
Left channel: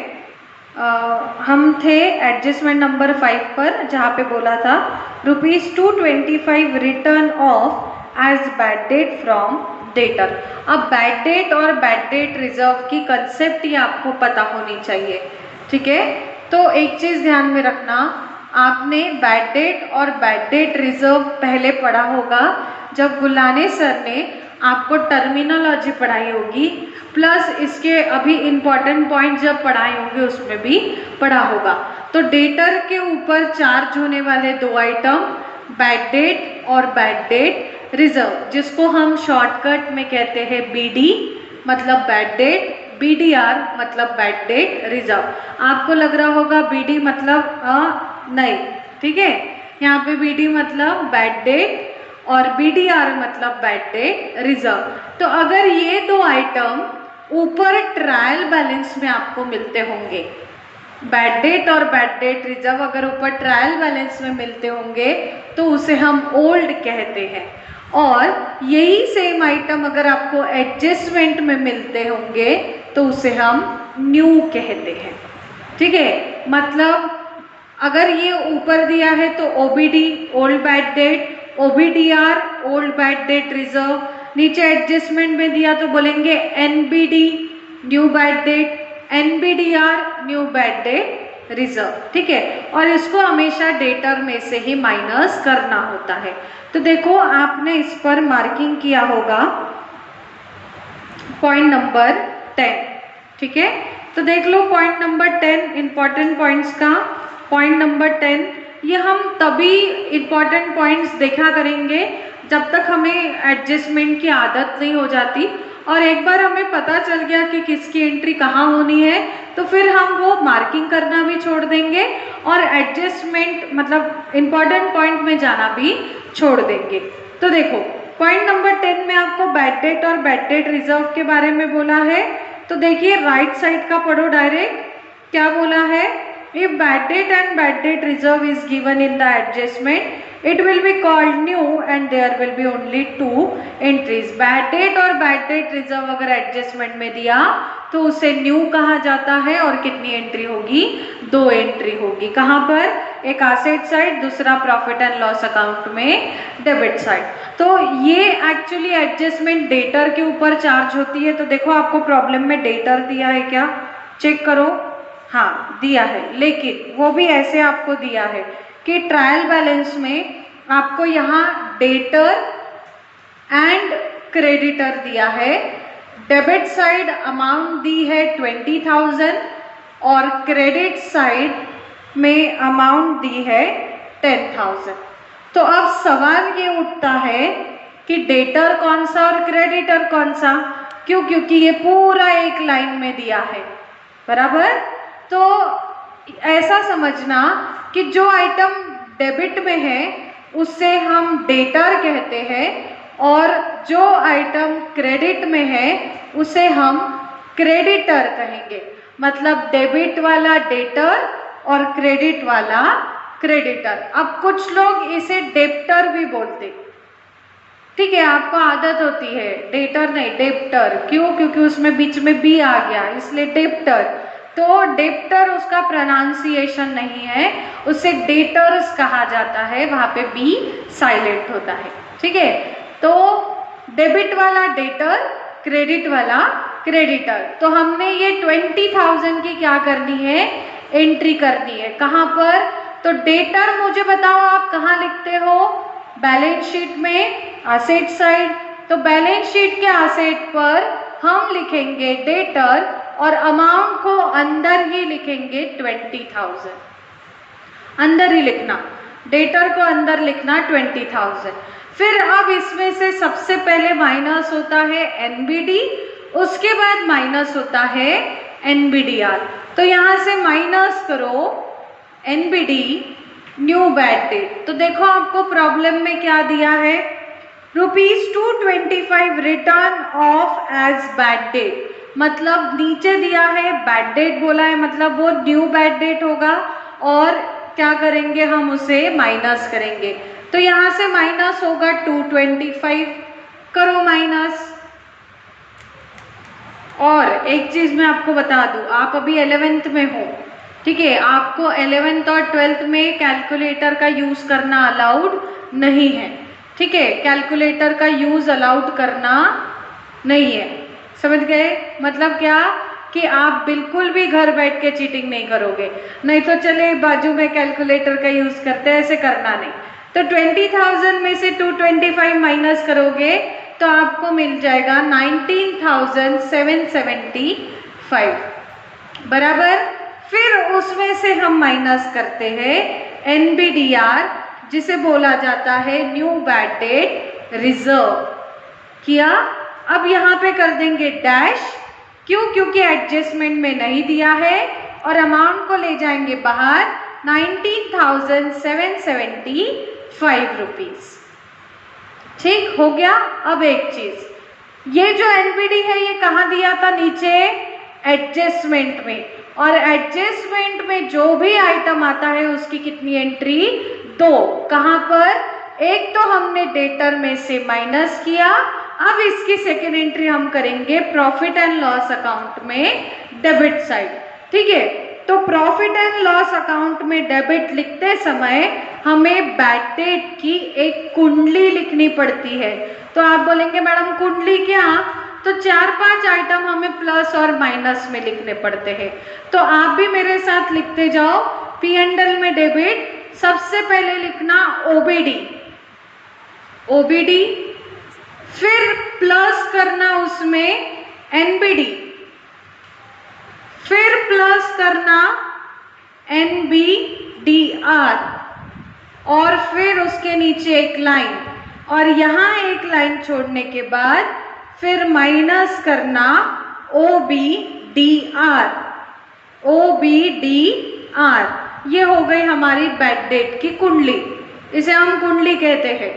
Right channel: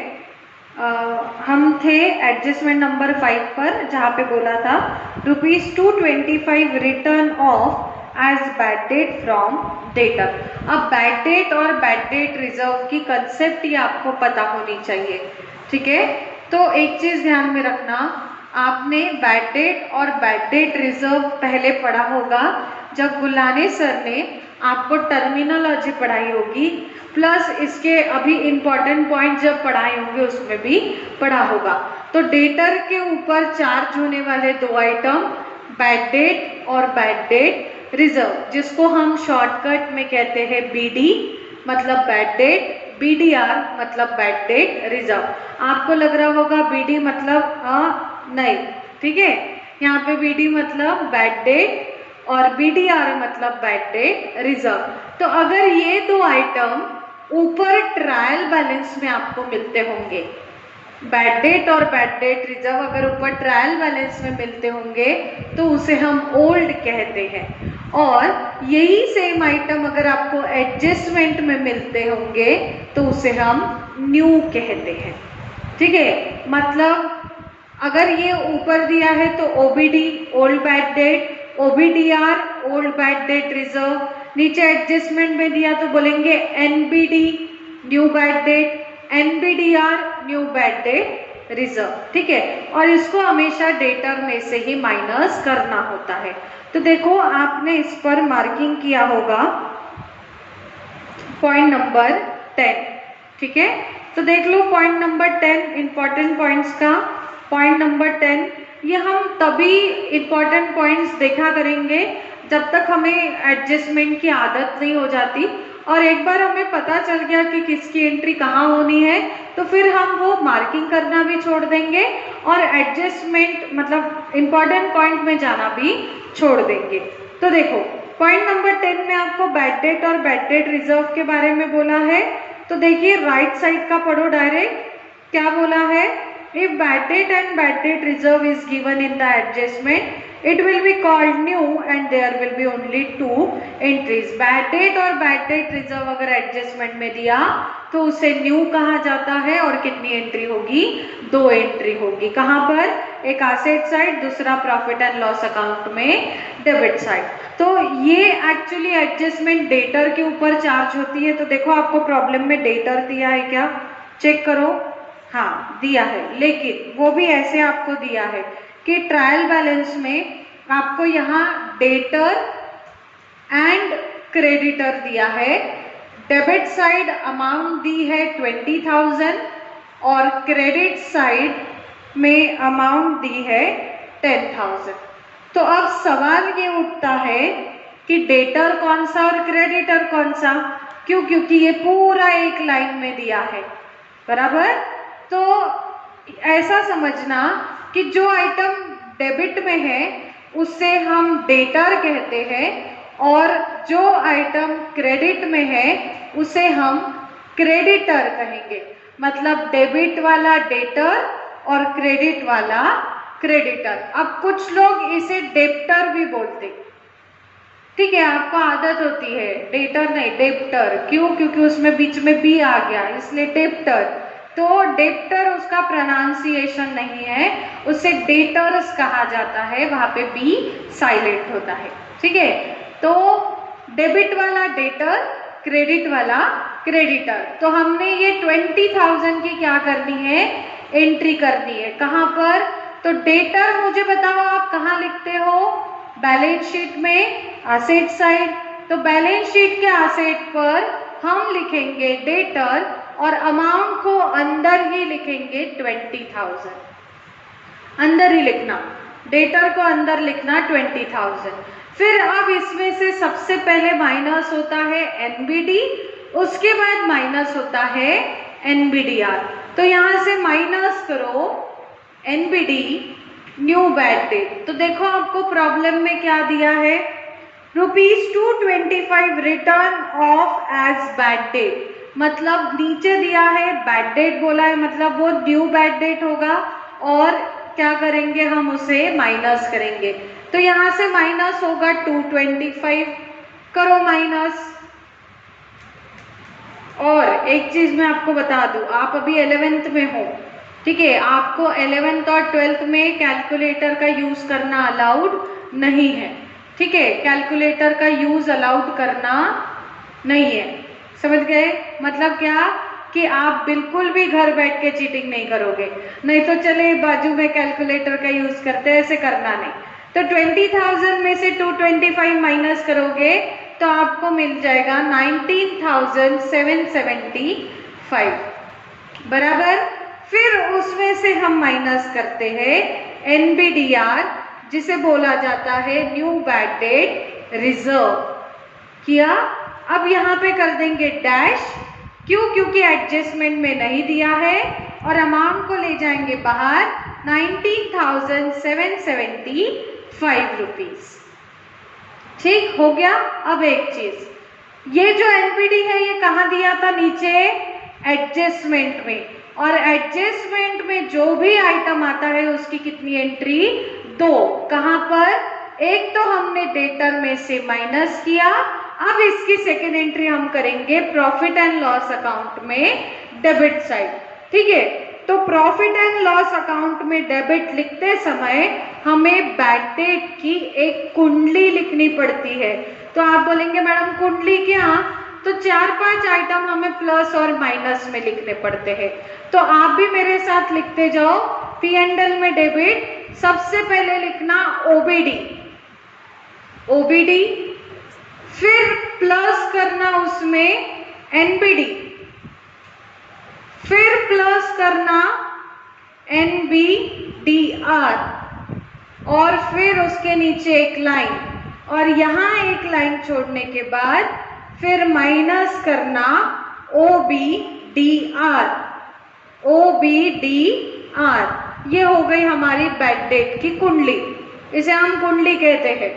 हम थे एडजस्टमेंट नंबर 5 पर, जहाँ पे बोला था ₹225 written off as bad debt from debtor. अब बैड डेट और बैड डेट रिजर्व की कंसेप्ट ही आपको पता होनी चाहिए। ठीक है, तो एक चीज ध्यान में रखना, आपने बैड डेट और बैड डेट रिजर्व पहले पढ़ा होगा जब गुलाने सर ने आपको टर्मिनोलॉजी पढ़ाई होगी, प्लस इसके अभी इम्पोर्टेंट पॉइंट जब पढ़ाए होंगे उसमें भी पढ़ा होगा। तो डेटर के ऊपर चार्ज होने वाले 2 आइटम, बैड डेट और बैड डेट रिजर्व, जिसको हम शॉर्टकट में कहते हैं BD मतलब बैड डेट, BDR मतलब बैड डेट रिजर्व। आपको लग रहा होगा BD मतलब नहीं, ठीक है, यहाँ पे BD मतलब बैड डेट और BDR मतलब बैड डेट रिजर्व। तो अगर ये 2 आइटम ऊपर ट्रायल बैलेंस में आपको मिलते होंगे, बैड डेट और बैड डेट रिजर्व अगर ऊपर ट्रायल बैलेंस में मिलते होंगे तो उसे हम ओल्ड कहते हैं, और यही सेम आइटम अगर आपको एडजस्टमेंट में मिलते होंगे तो उसे हम न्यू कहते हैं। ठीक है, मतलब अगर ये ऊपर दिया है तो OBD old bad debt, OBDR old bad debt reserve, नीचे एडजस्टमेंट में दिया तो बोलेंगे NBD new bad debt, NBDR new bad debt reserve. ठीक है, और इसको हमेशा डेटर में से ही माइनस करना होता है। तो देखो आपने इस पर मार्किंग किया होगा पॉइंट नंबर 10। ठीक है, तो देख लो पॉइंट नंबर 10 इंपॉर्टेंट पॉइंट्स का। पॉइंट नंबर 10 ये हम तभी इंपॉर्टेंट पॉइंट्स देखा करेंगे जब तक हमें एडजस्टमेंट की आदत नहीं हो जाती, और एक बार हमें पता चल गया कि किसकी एंट्री कहाँ होनी है तो फिर हम वो मार्किंग करना भी छोड़ देंगे और एडजस्टमेंट मतलब इंपॉर्टेंट पॉइंट में जाना भी छोड़ देंगे। तो देखो पॉइंट नंबर 10 में आपको बैड डेट और बैड डेट रिजर्व के बारे में बोला है। तो देखिए राइट साइड का पढ़ो डायरेक्ट, क्या बोला है, if bad debt and bad debt reserve is given in the adjustment it will be called new and there will be only 2 entries। Bad debt और बैड डेट रिजर्व अगर adjustment में दिया तो उसे न्यू कहा जाता है, और कितनी एंट्री होगी, 2 एंट्री होगी। कहाँ पर, एक एसेट साइड, दूसरा प्रॉफिट एंड लॉस अकाउंट में डेबिट साइड। तो ये एक्चुअली एडजस्टमेंट डेटर के ऊपर चार्ज होती है। तो देखो आपको प्रॉब्लम में डेटर दिया है क्या, चेक करो, हाँ दिया है, लेकिन वो भी ऐसे आपको दिया है कि ट्रायल बैलेंस में आपको यहाँ डेटर एंड क्रेडिटर दिया है। डेबिट साइड अमाउंट दी है 20,000 और क्रेडिट साइड में अमाउंट दी है 10,000। तो अब सवाल ये उठता है कि डेटर कौन सा और क्रेडिटर कौन सा, क्यों, क्योंकि ये पूरा एक लाइन में दिया है, बराबर। तो ऐसा समझना कि जो आइटम डेबिट में है उससे हम डेटर कहते हैं, और जो आइटम क्रेडिट में है उसे हम क्रेडिटर कहेंगे। मतलब डेबिट वाला डेटर और क्रेडिट वाला क्रेडिटर। अब कुछ लोग इसे डेप्टर भी बोलते, ठीक है, आपको आदत होती है, डेटर नहीं डेप्टर, क्यों, क्योंकि उसमें बीच में बी आ गया इसलिए डेप्टर। तो डेप्टर उसका प्रोनाउंसिएशन नहीं है, उसे डेटर्स कहा जाता है, वहां पे बी साइलेंट होता है। ठीक है, तो डेबिट वाला डेटर, क्रेडिट वाला क्रेडिटर। तो हमने ये 20,000 की क्या करनी है, एंट्री करनी है। कहाँ पर? तो डेटर मुझे बताओ आप कहाँ लिखते हो? बैलेंस शीट में एसेट साइड। तो बैलेंस शीट के एसेट पर हम लिखेंगे डेटर और अमाउंट को अंदर ही लिखेंगे 20,000, अंदर ही लिखना, डेटर को अंदर लिखना 20,000। फिर अब इसमें से सबसे पहले माइनस होता है एनबीडी, उसके बाद माइनस होता है एनबीडीआर। तो यहां से माइनस करो एनबीडी न्यू बैड डेट। तो देखो आपको प्रॉब्लम में क्या दिया है, ₹225 written off as bad debt, मतलब नीचे दिया है बैड डेट बोला है, मतलब वो न्यू बैड डेट होगा और क्या करेंगे हम उसे माइनस करेंगे। तो यहां से माइनस होगा 225, करो माइनस। और एक चीज मैं आपको बता दूं, आप अभी 11th में हो, ठीक है, आपको 11th और 12th में कैलकुलेटर का यूज करना अलाउड नहीं है, ठीक है, कैलकुलेटर का यूज अलाउड करना नहीं है, समझ गए? मतलब क्या कि आप बिल्कुल भी घर बैठ के चीटिंग नहीं करोगे, नहीं तो चले बाजू में कैलकुलेटर का यूज करते हैं, ऐसे करना नहीं। तो 20,000 में से 225 माइनस करोगे तो आपको मिल जाएगा 19,775 बराबर। फिर उसमें से हम माइनस करते हैं एनबीडीआर, जिसे बोला जाता है न्यू बैड डेट रिजर्व किया। अब यहाँ पे कर देंगे डैश, क्यों? क्योंकि एडजस्टमेंट में नहीं दिया है, और अमाउंट को ले जाएंगे बाहर 19,775 रुपीज। ठीक हो गया। अब एक चीज, ये जो एनपीडी है ये कहाँ दिया था? नीचे एडजस्टमेंट में, और एडजस्टमेंट में जो भी आइटम आता है उसकी कितनी एंट्री? 2। कहाँ पर? एक तो हमने डेटर में से माइनस किया, अब इसकी सेकेंड एंट्री हम करेंगे प्रॉफिट एंड लॉस अकाउंट में डेबिट साइड, ठीक है। तो प्रॉफिट एंड लॉस अकाउंट में डेबिट लिखते समय हमें बैड डेट की एक कुंडली लिखनी पड़ती है। तो आप बोलेंगे मैडम कुंडली क्या? तो 4-5 आइटम हमें प्लस और माइनस में लिखने पड़ते हैं। तो आप भी मेरे साथ लिखते जाओ। पी एंड एल में डेबिट सबसे पहले लिखना ओबीडी, ओबीडी, फिर प्लस करना उसमें एनबीडी, फिर प्लस करना एनबीडीआर, और फिर उसके नीचे एक लाइन, और यहां एक लाइन छोड़ने के बाद फिर माइनस करना ओबीडीआर, ओबीडीआर। ये हो गई हमारी बैड डेट की कुंडली, इसे हम कुंडली कहते हैं।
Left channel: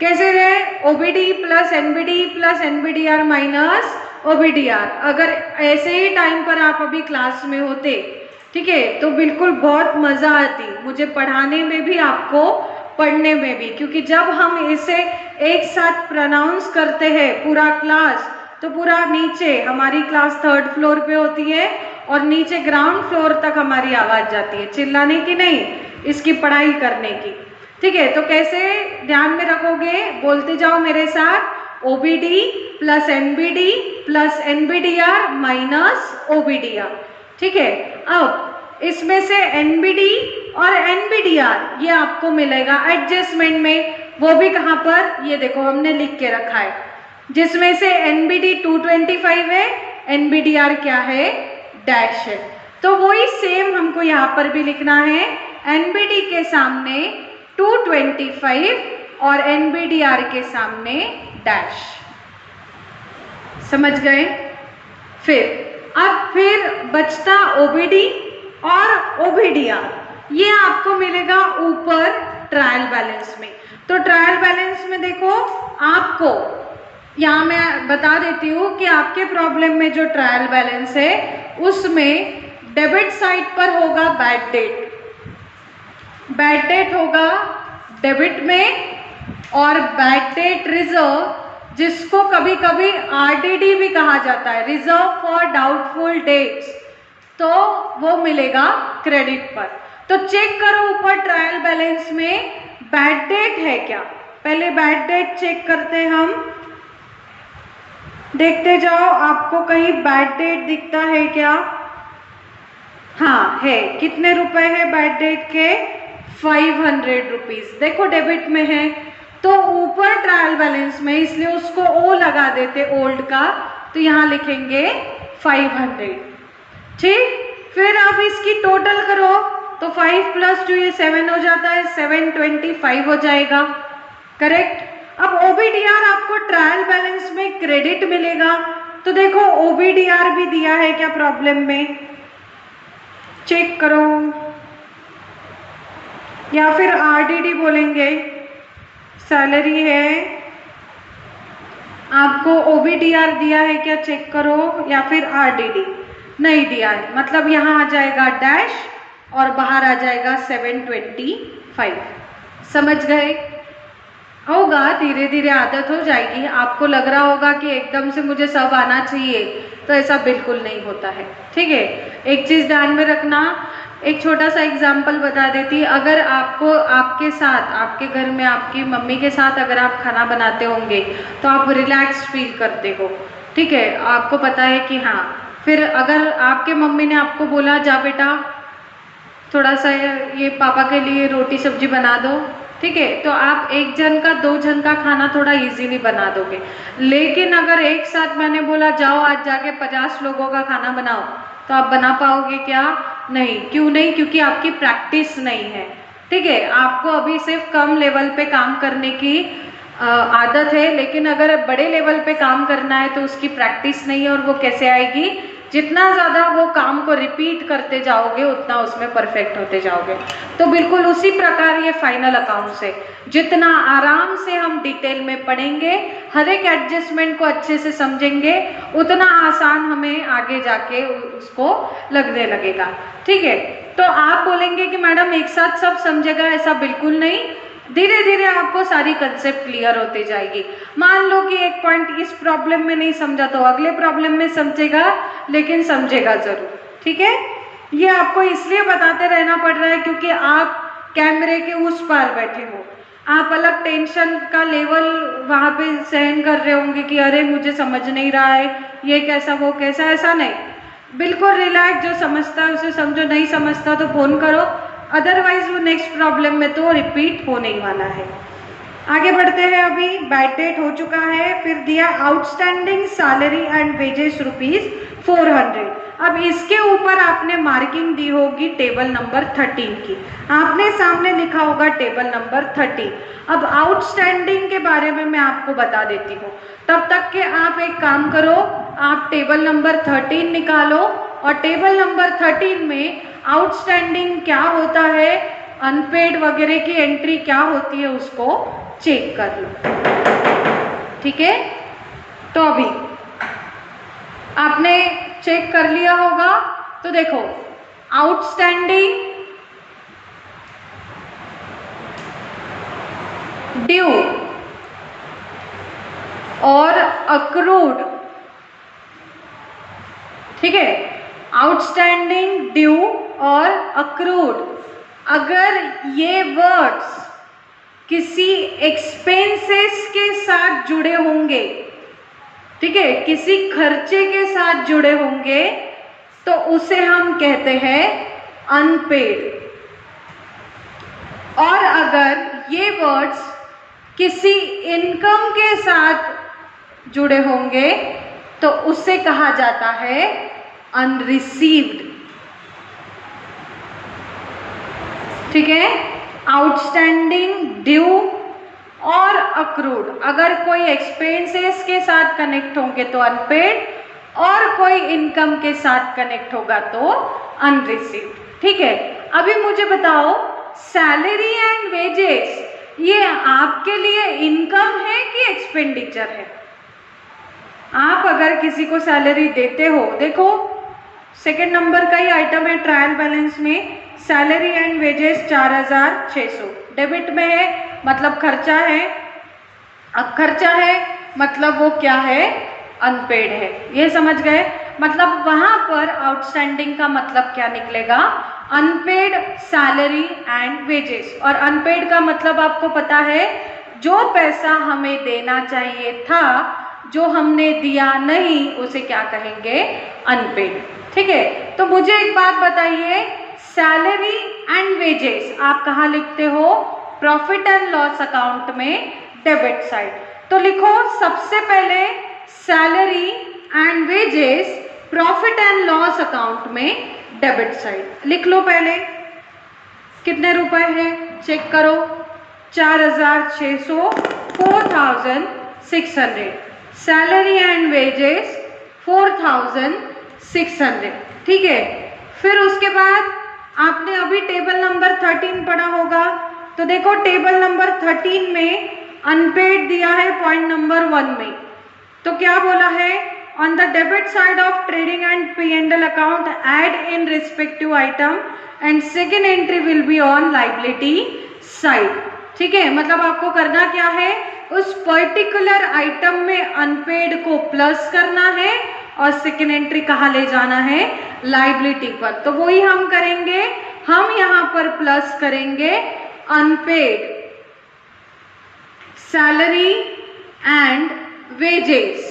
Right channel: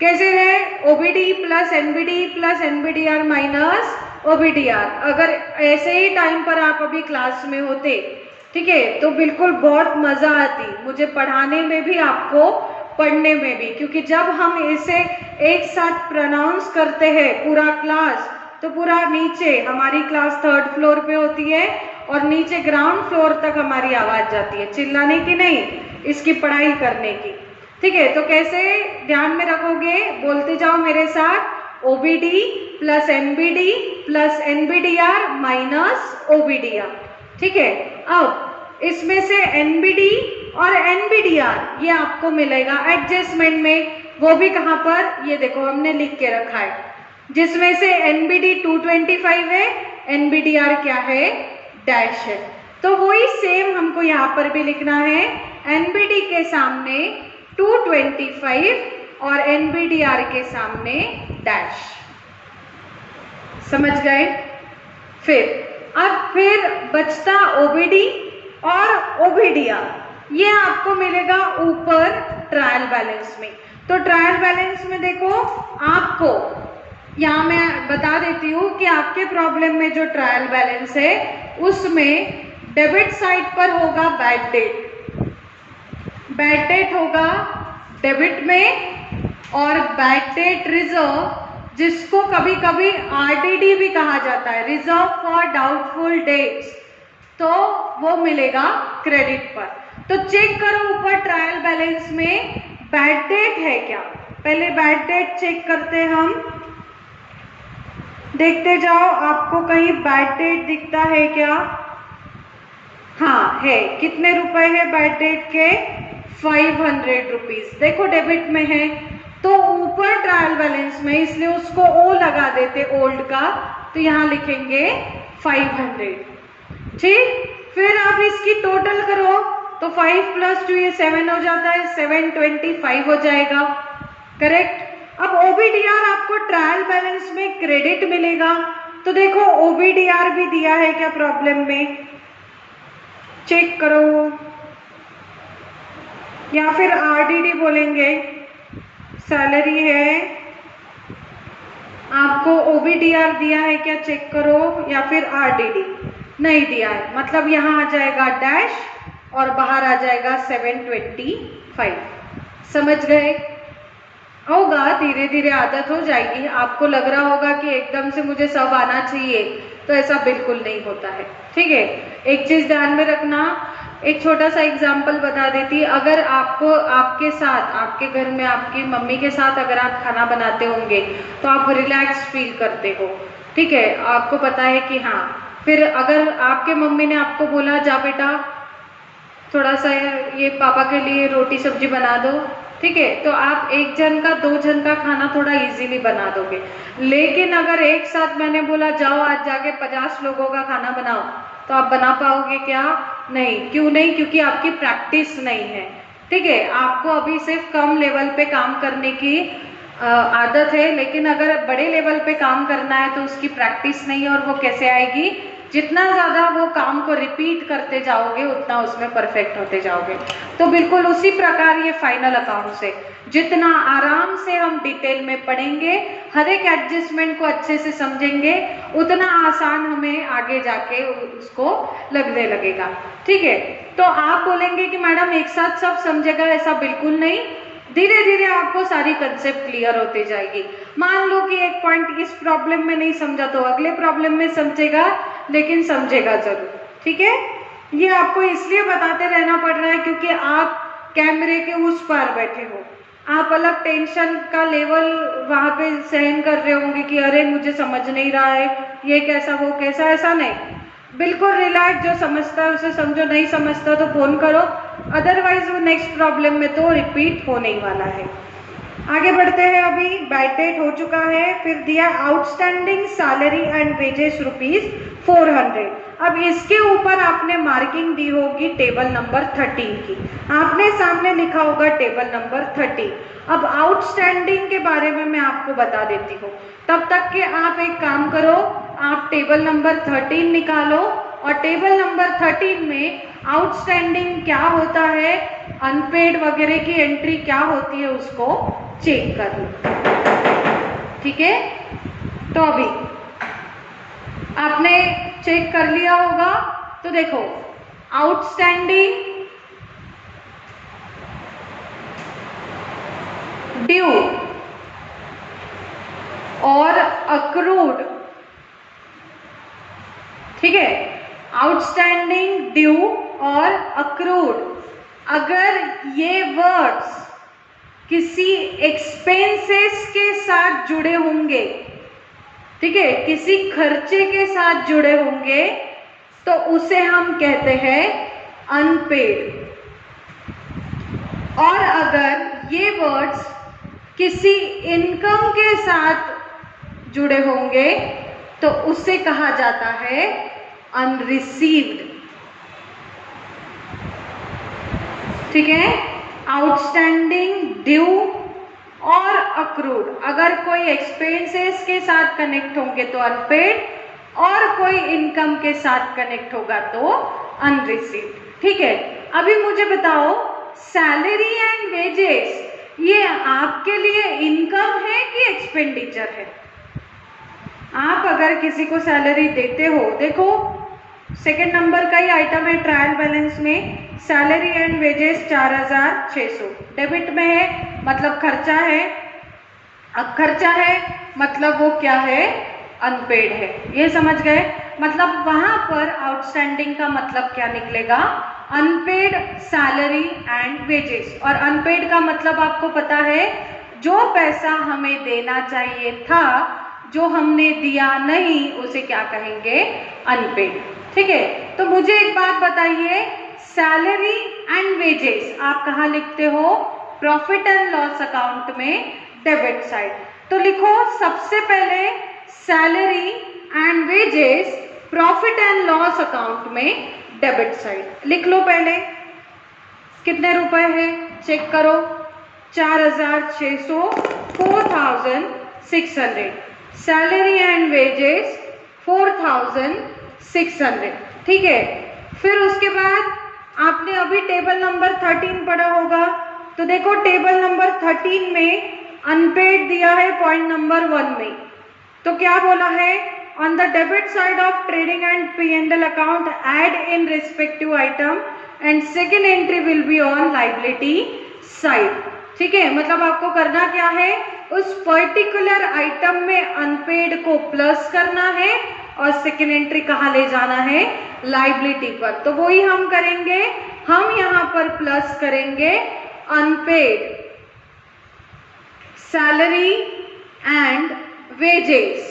कैसे है? OBD plus NBD plus NBDR minus OBDR. अगर ऐसे ही टाइम पर आप अभी क्लास में होते, ठीक है, तो बिल्कुल बहुत मजा आती मुझे पढ़ाने में भी, आपको पढ़ने में भी, क्योंकि जब हम इसे एक साथ प्रोनाउंस करते हैं पूरा क्लास, तो पूरा नीचे हमारी क्लास 3rd फ्लोर पे होती है और नीचे ग्राउंड फ्लोर तक हमारी आवाज जाती है, चिल्लाने की नहीं, इसकी पढ़ाई करने की, ठीक है। तो कैसे ध्यान में रखोगे? बोलती जाओ मेरे साथ, OBD plus NBD plus NBDR minus OBDR, ठीक है। अब इसमें से एनबीडी और एनबीडीआर ये आपको मिलेगा एडजस्टमेंट में, वो भी कहाँ पर? ये देखो हमने लिख के रखा है, जिसमें से एनबीडी 225 है, एनबीडीआर क्या है? डैश है। तो वही सेम हमको यहाँ पर भी लिखना है, एनबीडी के सामने 225 और एनबीडीआर के सामने डैश, समझ गए? फिर बचता ओबीडी और ओबीडीआर, ये आपको मिलेगा ऊपर ट्रायल बैलेंस में। तो ट्रायल बैलेंस में देखो, आपको यहाँ मैं बता देती हूँ कि आपके प्रॉब्लम में जो ट्रायल बैलेंस है उसमें डेबिट साइड पर होगा बैड डेट, बैड डेट होगा डेबिट में, और बैड डेट रिजर्व, जिसको कभी कभी आरडीडी भी कहा जाता है, रिजर्व फॉर डाउटफुल डेट्स, तो वो मिलेगा क्रेडिट पर। तो चेक करो ऊपर ट्रायल बैलेंस में बैड डेट है क्या? पहले बैड डेट चेक करते हम, देखते जाओ आपको कहीं बैड डेट दिखता है क्या? हाँ है, कितने रुपए है बैड डेट के? 500 रुपीज। देखो डेबिट में है तो ऊपर ट्रायल बैलेंस में, इसलिए उसको ओ लगा देते ओल्ड का, तो यहाँ लिखेंगे 500। ठीक, फिर आप इसकी टोटल करो तो 5 + 2 ये 7 हो जाता है, 725 हो जाएगा। करेक्ट। अब ओबीडीआर आपको ट्रायल बैलेंस में क्रेडिट मिलेगा, तो देखो ओबीडीआर भी दिया है क्या प्रॉब्लम में, चेक करो, या फिर आरडीडी बोलेंगे। सैलरी है, आपको ओबीडीआर दिया है क्या, चेक करो, या फिर आरडीडी नहीं दिया है, मतलब यहाँ आ जाएगा डैश और बाहर आ जाएगा 725। समझ गए? होगा, धीरे धीरे आदत हो जाएगी। आपको लग रहा होगा कि एकदम से मुझे सब आना चाहिए, तो ऐसा बिल्कुल नहीं होता है। ठीक है, एक चीज ध्यान में रखना, एक छोटा सा एग्जाम्पल बता देती। अगर आपको आपके साथ, आपके घर में आपकी मम्मी के साथ अगर आप खाना बनाते होंगे तो आप रिलैक्स फील करते हो। ठीक है, आपको पता है कि हाँ, फिर अगर आपके मम्मी ने आपको बोला जा बेटा थोड़ा सा ये पापा के लिए रोटी सब्जी बना दो, ठीक है, तो आप एक जन का 2 जन का खाना थोड़ा इजीली बना दोगे। लेकिन अगर एक साथ मैंने बोला जाओ आज जाके 50 लोगों का खाना बनाओ, तो आप बना पाओगे क्या? नहीं। क्यों नहीं? क्योंकि आपकी प्रैक्टिस नहीं है। ठीक है, आपको अभी सिर्फ कम लेवल पे काम करने की आदत है, लेकिन अगर बड़े लेवल पे काम करना है तो उसकी प्रैक्टिस नहीं है। और वो कैसे आएगी? जितना ज़्यादा वो काम को रिपीट करते जाओगे उतना उसमें परफेक्ट होते जाओगे। तो बिल्कुल उसी प्रकार ये फाइनल अकाउंट से जितना आराम से हम डिटेल में पढ़ेंगे, हर एक एडजस्टमेंट को अच्छे से समझेंगे, उतना आसान हमें आगे जाके उसको लगने लगेगा। ठीक है, तो आप बोलेंगे कि मैडम एक साथ सब समझेगा, ऐसा बिल्कुल नहीं, धीरे धीरे आपको सारी कंसेप्ट क्लियर होते जाएगी। मान लो कि एक पॉइंट इस प्रॉब्लम में नहीं समझा तो अगले प्रॉब्लम में समझेगा, लेकिन समझेगा जरूर। ठीक है, ये आपको इसलिए बताते रहना पड़ रहा है क्योंकि आप कैमरे के उस पार बैठे हो, आप अलग टेंशन का लेवल वहां पे सहन कर रहे होंगे कि अरे मुझे समझ नहीं रहा है, ये कैसा वो कैसा। ऐसा नहीं, बिल्कुल रिलैक्स, जो समझता है उसे समझो, नहीं समझता तो फोन करो, अदरवाइज वो नेक्स्ट प्रॉब्लम में तो रिपीट होने ही वाला है। आगे बढ़ते हैं, अभी बैड डेट हो चुका है, फिर दिया आउटस्टैंडिंग सैलरी एंड वेजेस ₹400। अब इसके ऊपर आपने मार्किंग दी होगी टेबल नंबर 13 की, आपने सामने लिखा होगा टेबल नंबर 13। अब आउटस्टैंडिंग के बारे में मैं आपको बता देती हूँ, तब तक के आप एक काम करो, आप टेबल नंबर 13 निकालो और टेबल नंबर 13 में आउटस्टैंडिंग क्या होता है, अनपेड वगैरह की एंट्री क्या होती है, उसको चेक कर लो। ठीक है, तो अभी आपने चेक कर लिया होगा, तो देखो आउटस्टैंडिंग, ड्यू और अक्रूड। ठीक है, आउटस्टैंडिंग, ड्यू और अक्रूड, अगर ये वर्ड्स किसी एक्सपेंसेस के साथ जुड़े होंगे, ठीक है, किसी खर्चे के साथ जुड़े होंगे, तो उसे हम कहते हैं अनपेड। और अगर ये वर्ड्स किसी इनकम के साथ जुड़े होंगे तो उसे कहा जाता है अनरिसीव्ड। ठीक है, आउटस्टैंडिंग, ड्यू और अक्रूड, अगर कोई एक्सपेंसेस के साथ कनेक्ट होंगे तो अनपेड, और कोई इनकम के साथ कनेक्ट होगा तो अनरिसीव्ड। ठीक है, अभी मुझे बताओ सैलरी एंड वेजेस ये आपके लिए इनकम है कि एक्सपेंडिचर है? आप अगर किसी को सैलरी देते हो, देखो सेकंड नंबर का ही आइटम है ट्रायल बैलेंस में, सैलरी एंड वेजेस 4600 डेबिट में है, मतलब खर्चा है। अब खर्चा है मतलब वो क्या है, अनपेड है। ये समझ गए? मतलब वहां पर आउटस्टैंडिंग का मतलब क्या निकलेगा, अनपेड सैलरी एंड वेजेस। और अनपेड का मतलब आपको पता है, जो पैसा हमें देना चाहिए था, जो हमने दिया नहीं, उसे क्या कहेंगे, अनपेड। ठीक है, तो मुझे एक बात बताइए, सैलरी एंड वेजेस आप कहाँ लिखते हो? प्रॉफिट एंड लॉस अकाउंट में डेबिट साइड। तो लिखो सबसे पहले salary and wages profit and loss account में डेबिट साइड लिख लो। पहले कितने रुपए है चेक करो, 4600, 4600। सैलरी एंड वेजेस 4600, ठीक है। फिर उसके बाद आपने अभी टेबल नंबर 13 पढ़ा होगा, तो देखो टेबल नंबर 13 में अनपेड दिया है पॉइंट नंबर 1 में। तो क्या बोला है? On the debit side of trading and P&L account add in respective item and second entry will be on liability side, ठीक है। मतलब आपको करना क्या है, उस पर्टिकुलर आइटम में अनपेड को प्लस करना है और सेकेंड एंट्री कहाँ ले जाना है? लाइबिलिटी पर। तो वही हम करेंगे, हम यहाँ पर प्लस करेंगे अनपेड सैलरी एंड वेजेस,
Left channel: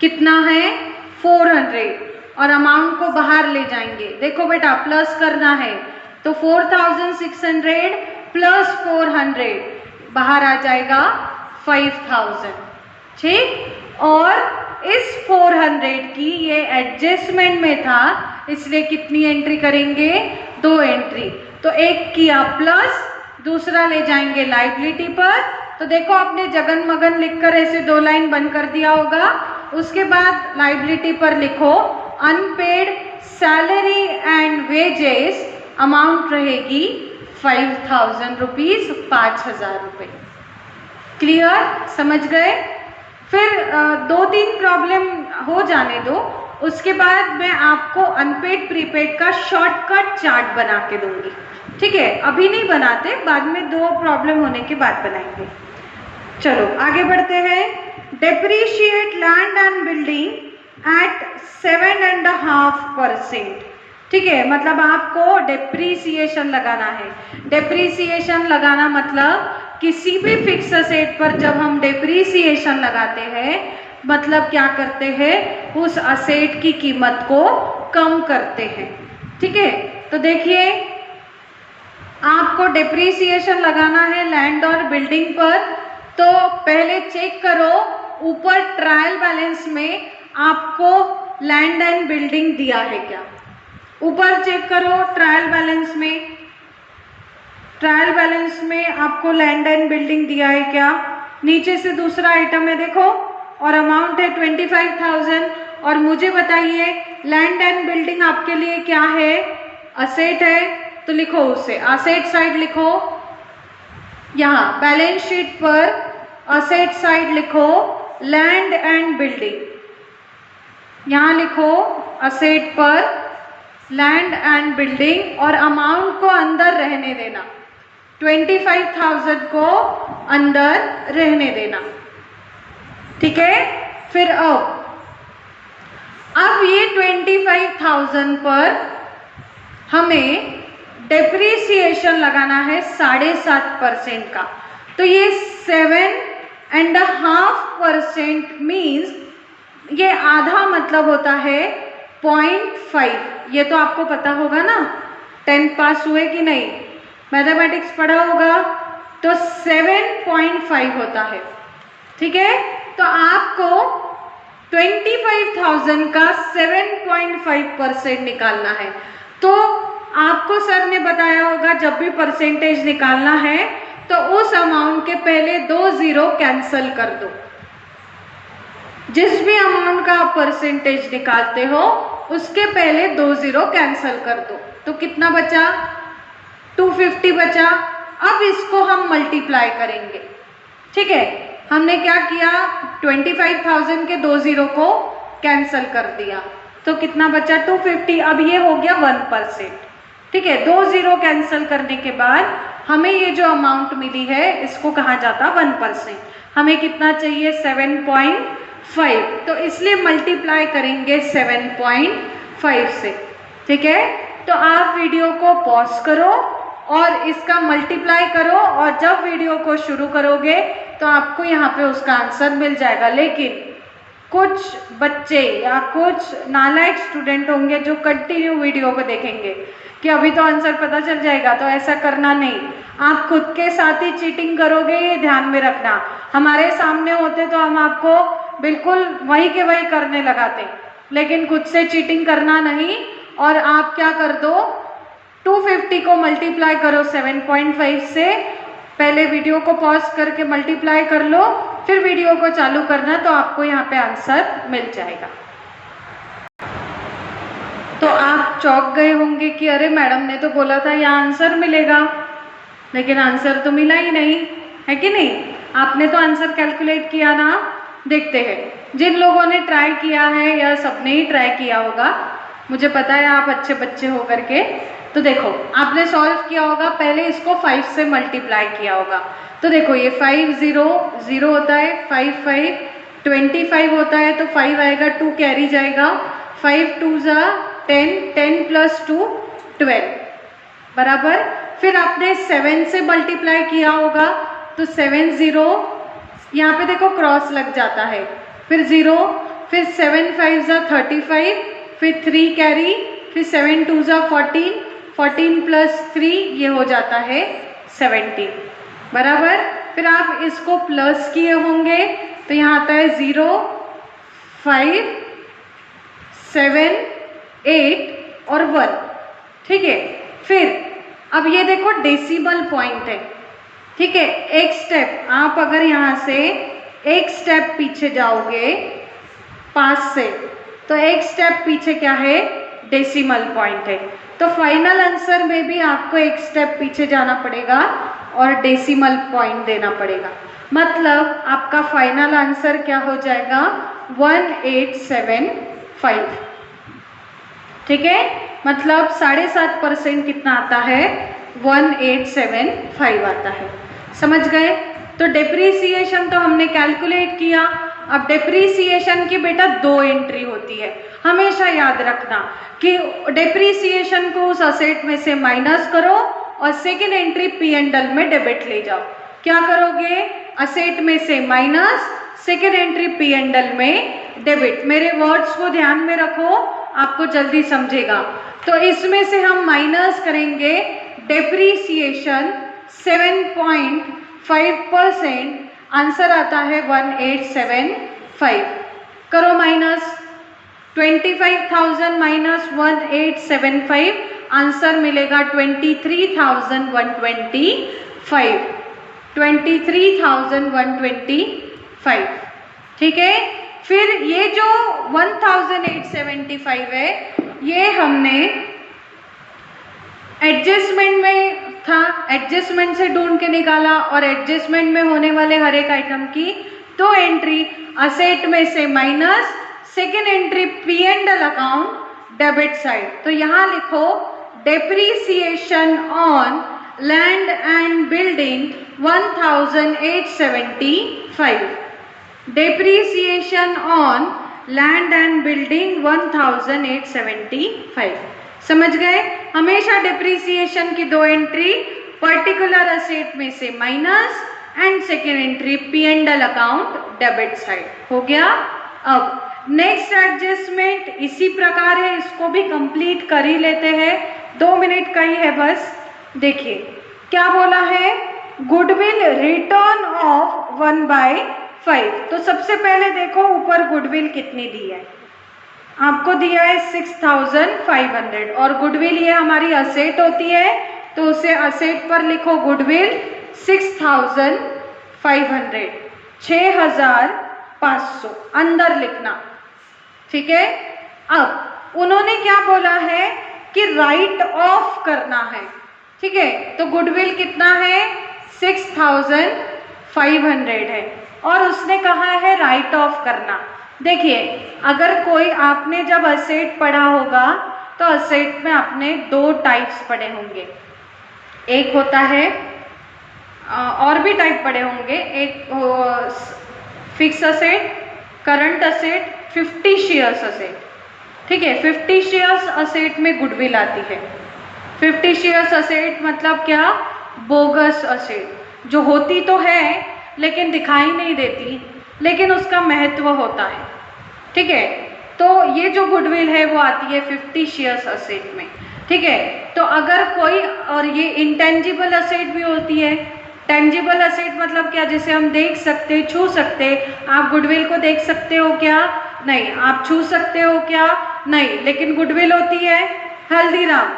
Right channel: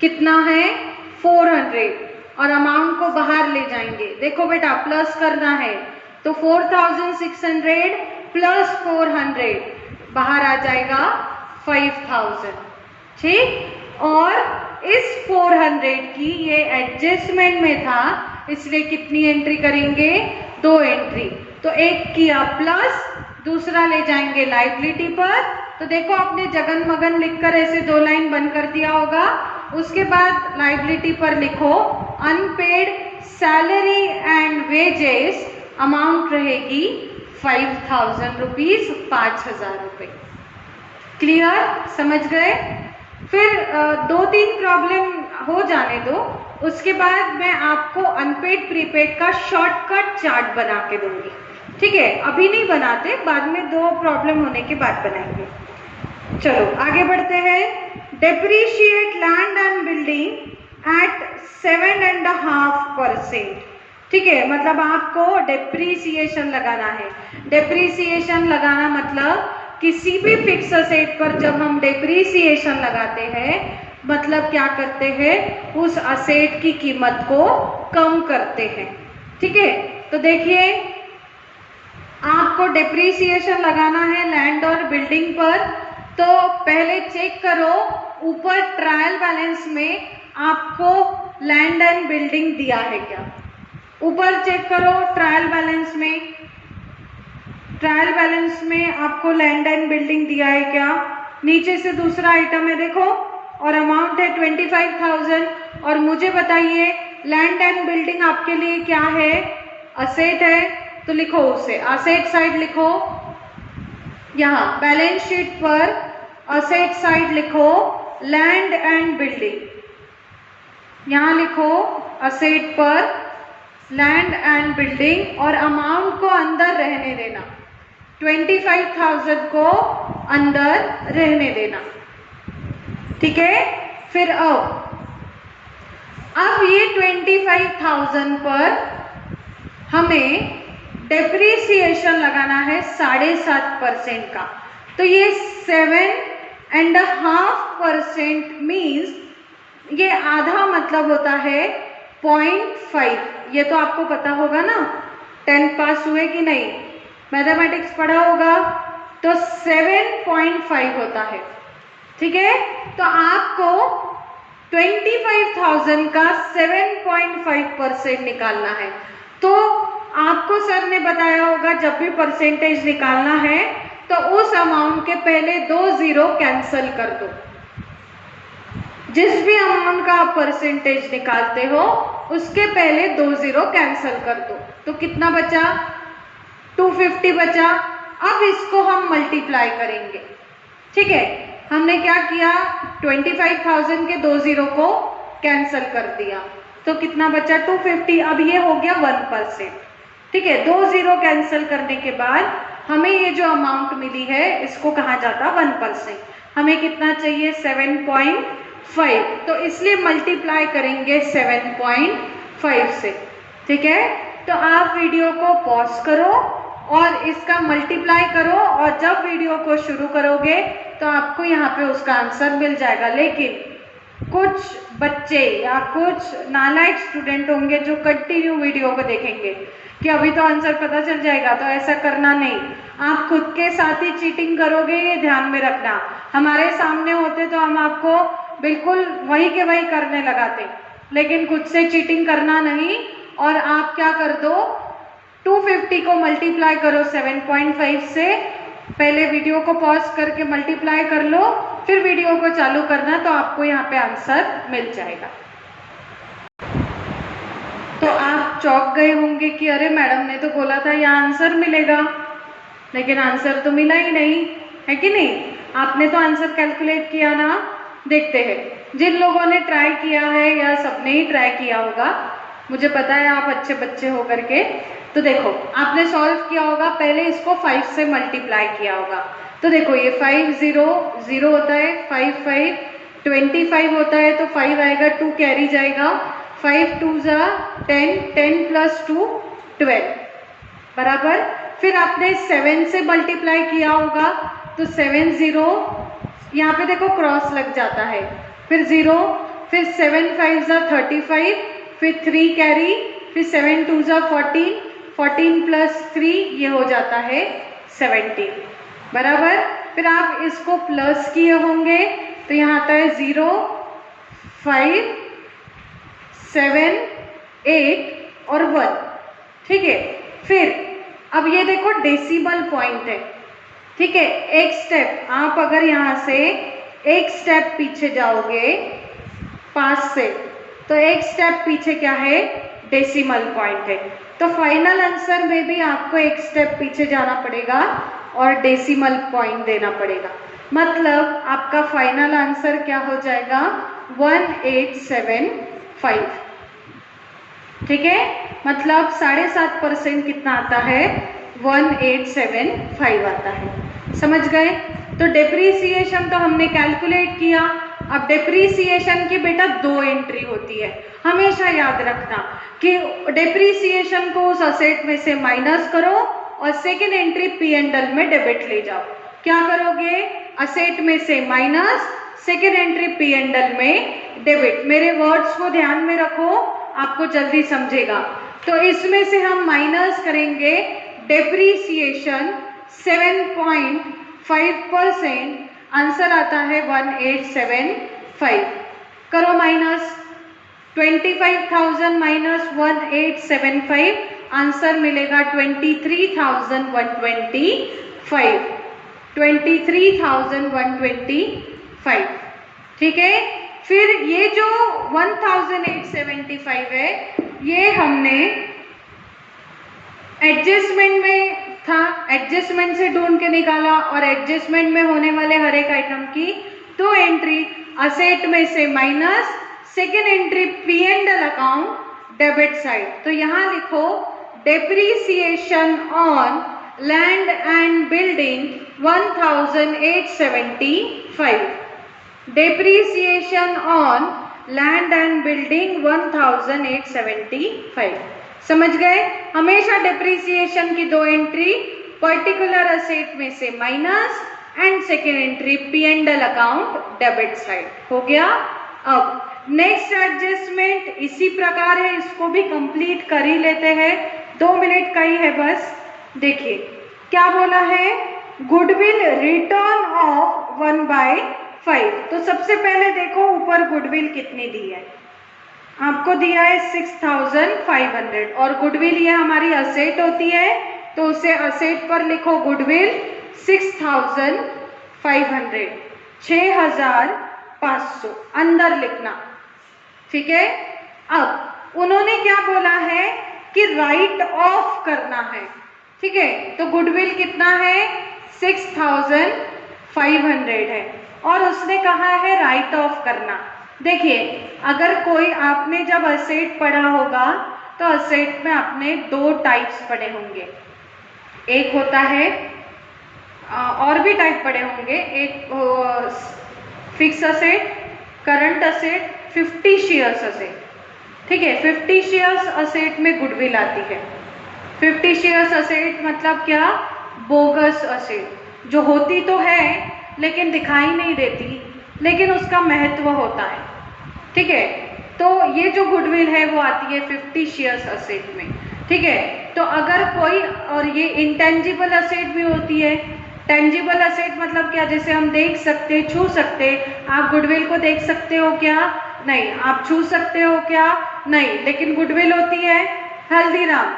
कितना है? 400, और अमाउंट को बाहर ले जाएंगे। देखो बेटा प्लस करना है, तो 4600 प्लस 400 बाहर आ जाएगा 5000, ठीक। और इस 400 की ये एडजस्टमेंट में था, इसलिए कितनी एंट्री करेंगे? 2 एंट्री। तो एक किया प्लस, दूसरा ले जाएंगे लाइबिलिटी पर। तो देखो आपने जगन मगन लिखकर ऐसे 2 लाइन बंद कर दिया होगा। उसके बाद लाइबिलिटी पर लिखो unpaid salary and wages, amount रहेगी 5000 रुपीज, 5000 रुपये। क्लियर? समझ गए? फिर 2-3 प्रॉब्लम हो जाने दो, उसके बाद मैं आपको अनपेड प्रीपेड का शॉर्टकट चार्ट बना के दूंगी, ठीक है। अभी नहीं बनाते, बाद में 2 प्रॉब्लम होने के बाद बनाएंगे। चलो आगे बढ़ते हैं। Depreciate land and building at 7.5%, ठीक है। मतलब आपको डेप्रीसिएशन लगाना है। डेप्रीसिएशन लगाना मतलब किसी भी फिक्स असेट पर जब हम डेप्रीसिएशन लगाते हैं, मतलब क्या करते हैं? उस असेट की कीमत को कम करते हैं, ठीक है। तो देखिए आपको डेप्रीसिएशन लगाना है लैंड और बिल्डिंग पर। तो पहले चेक करो ऊपर ट्रायल बैलेंस में आपको लैंड एंड बिल्डिंग दिया है क्या? ऊपर चेक करो ट्रायल बैलेंस में, ट्रायल बैलेंस में आपको लैंड एंड बिल्डिंग दिया है क्या? नीचे से दूसरा आइटम है देखो, और अमाउंट है 25,000। और मुझे बताइए लैंड एंड बिल्डिंग आपके लिए क्या है? असेट है, तो लिखो उसे असेट साइड लिखो। यहाँ बैलेंस शीट पर असेट साइड लिखो लैंड एंड बिल्डिंग, यहाँ लिखो असेट पर लैंड एंड बिल्डिंग, और अमाउंट को अंदर रहने देना, 25,000 को अंदर रहने देना, ठीक है। फिर अब ये 25,000 पर हमें डेप्रीसिएशन लगाना है 7.5% का। तो ये 7.5% मीन्स ये आधा मतलब होता है 0.5। ये तो आपको पता होगा ना, 10th पास हुए कि नहीं, मैथमेटिक्स पढ़ा होगा। तो 7.5 होता है, ठीक है। तो आपको 25,000 का 7.5% निकालना है। तो आपको सर ने बताया होगा जब भी परसेंटेज निकालना है तो उस अमाउंट के पहले 2 जीरो कैंसिल कर दो। जिस भी अमाउंट का आप परसेंटेज निकालते हो उसके पहले 2 जीरो कैंसिल कर दो। तो कितना बचा? 250 बचा। अब इसको हम मल्टीप्लाई करेंगे, ठीक है। हमने क्या किया? 25,000 के 2 जीरो को कैंसिल कर दिया, तो कितना बचा? 250। अब ये हो गया 1%, ठीक है। 2 जीरो कैंसिल करने के बाद हमें ये जो अमाउंट मिली है इसको कहा जाता 1%। हमें कितना चाहिए? 7.5। तो इसलिए मल्टीप्लाई करेंगे 7.5 से, ठीक है। तो आप वीडियो को पॉज करो और इसका मल्टीप्लाई करो, और जब वीडियो को शुरू करोगे तो आपको यहाँ पे उसका आंसर मिल जाएगा। लेकिन कुछ बच्चे या कुछ नालायक स्टूडेंट होंगे जो कंटिन्यू वीडियो को देखेंगे कि अभी तो आंसर पता चल जाएगा, तो ऐसा करना नहीं। आप खुद के साथ ही चीटिंग करोगे, ये ध्यान में रखना। हमारे सामने होते तो हम आपको बिल्कुल वही के वही करने लगाते, लेकिन खुद से चीटिंग करना नहीं। और आप क्या कर दो, 250 को मल्टीप्लाई करो 7.5 से। पहले वीडियो को पॉज करके मल्टीप्लाई कर लो, फिर वीडियो को चालू करना, तो आपको यहाँ पे आंसर मिल जाएगा। तो आप चौंक गए होंगे कि अरे मैडम ने तो बोला था यहाँ आंसर मिलेगा, लेकिन आंसर तो मिला ही नहीं, है कि नहीं? आपने तो आंसर कैलकुलेट किया ना। देखते हैं जिन लोगों ने ट्राई किया है, या सबने ही ट्राई किया होगा, मुझे पता है आप अच्छे बच्चे हो करके। तो देखो आपने सॉल्व किया होगा, पहले इसको 5 से मल्टीप्लाई किया होगा। तो देखो ये 5 0 0 होता है, 5 5 25 होता है, तो 5 आएगा, 2 कैरी जाएगा, 5 2 10 10 प्लस 2 12 बराबर। फिर आपने 7 से मल्टीप्लाई किया होगा, तो 7 0, यहाँ पे देखो क्रॉस लग जाता है, फिर 0, फिर 7 5 35, फिर 3 कैरी, फिर 7 2 14, 14 प्लस 3 ये हो जाता है 17 बराबर। फिर आप इसको प्लस किए होंगे, तो यहाँ आता है 0 5 7 8 और 1, ठीक है। फिर अब ये देखो डेसिमल पॉइंट है, ठीक है। एक स्टेप आप अगर यहाँ से एक स्टेप पीछे जाओगे 5 से, तो एक स्टेप पीछे क्या है, डेसिमल पॉइंट है। तो फाइनल आंसर में भी आपको एक स्टेप पीछे जाना पड़ेगा और डेसिमल पॉइंट देना पड़ेगा। मतलब आपका फाइनल आंसर क्या हो जाएगा, 1875, ठीक है। मतलब 7.5% कितना आता है, 1875 आता है। समझ गए? तो डेप्रीसिएशन तो हमने कैलकुलेट किया। अब डेप्रीसिएशन की बेटा 2 एंट्री होती है, हमेशा याद रखना कि डेप्रीसिएशन को उस असेट में से माइनस करो और सेकेंड एंट्री P&L में डेबिट ले जाओ। क्या करोगे, असेट में से माइनस, सेकेंड एंट्री P&L में डेबिट। मेरे वर्ड्स को ध्यान में रखो, आपको जल्दी समझेगा। तो इसमें से हम माइनस करेंगे डेप्रीसिएशन 7.5%, आंसर आता है 1875। करो माइनस, 25,000 माइनस 1875, आंसर मिलेगा 23,125, 23,125, ठीक है। फिर ये जो 1875 है, ये हमने एडजस्टमेंट में था, एडजस्टमेंट से ढूंढ के निकाला, और एडजस्टमेंट में होने वाले हर एक आइटम की 2 एंट्री, असेट में से minus, second entry P&L account debit side. तो यहाँ लिखो depreciation on land and building 1875, depreciation on land and building 1875। समझ गए? हमेशा डेप्रीसिएशन की 2 एंट्री, पर्टिकुलर असेट में से minus and second entry P&L account debit side. हो गया? अब नेक्स्ट एडजस्टमेंट इसी प्रकार है, इसको भी कंप्लीट कर ही लेते हैं, 2 मिनट का ही है बस। देखिए क्या बोला है, गुडविल रिटर्न ऑफ 1/5। तो सबसे पहले देखो ऊपर गुडविल कितनी दी है, आपको दिया है 6500, और गुडविल ये हमारी असेट होती है, तो उसे असेट पर लिखो गुडविल 6500, 6500 अंदर लिखना, ठीक है। अब उन्होंने क्या बोला है कि राइट ऑफ करना है, ठीक है। तो गुडविल कितना है, 6500 है, और उसने कहा है राइट ऑफ करना। देखिए अगर कोई, आपने जब असेट पढ़ा होगा तो असेट में आपने 2 टाइप्स पढ़े होंगे, एक होता है, और भी टाइप पढ़े होंगे, एक fix asset, current asset, 50 shares asset, ठीक है। 50 शेयर्स असेट में गुडविल आती है। 50 शेयर्स असेट मतलब क्या, बोगस असेट, जो होती तो है लेकिन दिखाई नहीं देती, लेकिन उसका महत्व होता है, ठीक है। तो ये जो गुडविल है वो आती है फिक्टिशियस असेट में, ठीक है। तो अगर कोई, और ये इंटेंजिबल असेट भी होती है। टेंजिबल असेट मतलब क्या, जैसे हम देख सकते, छू सकते। आप गुडविल को देख सकते हो क्या? नहीं। आप छू सकते हो क्या? नहीं। लेकिन गुडविल होती है हल्दीराम,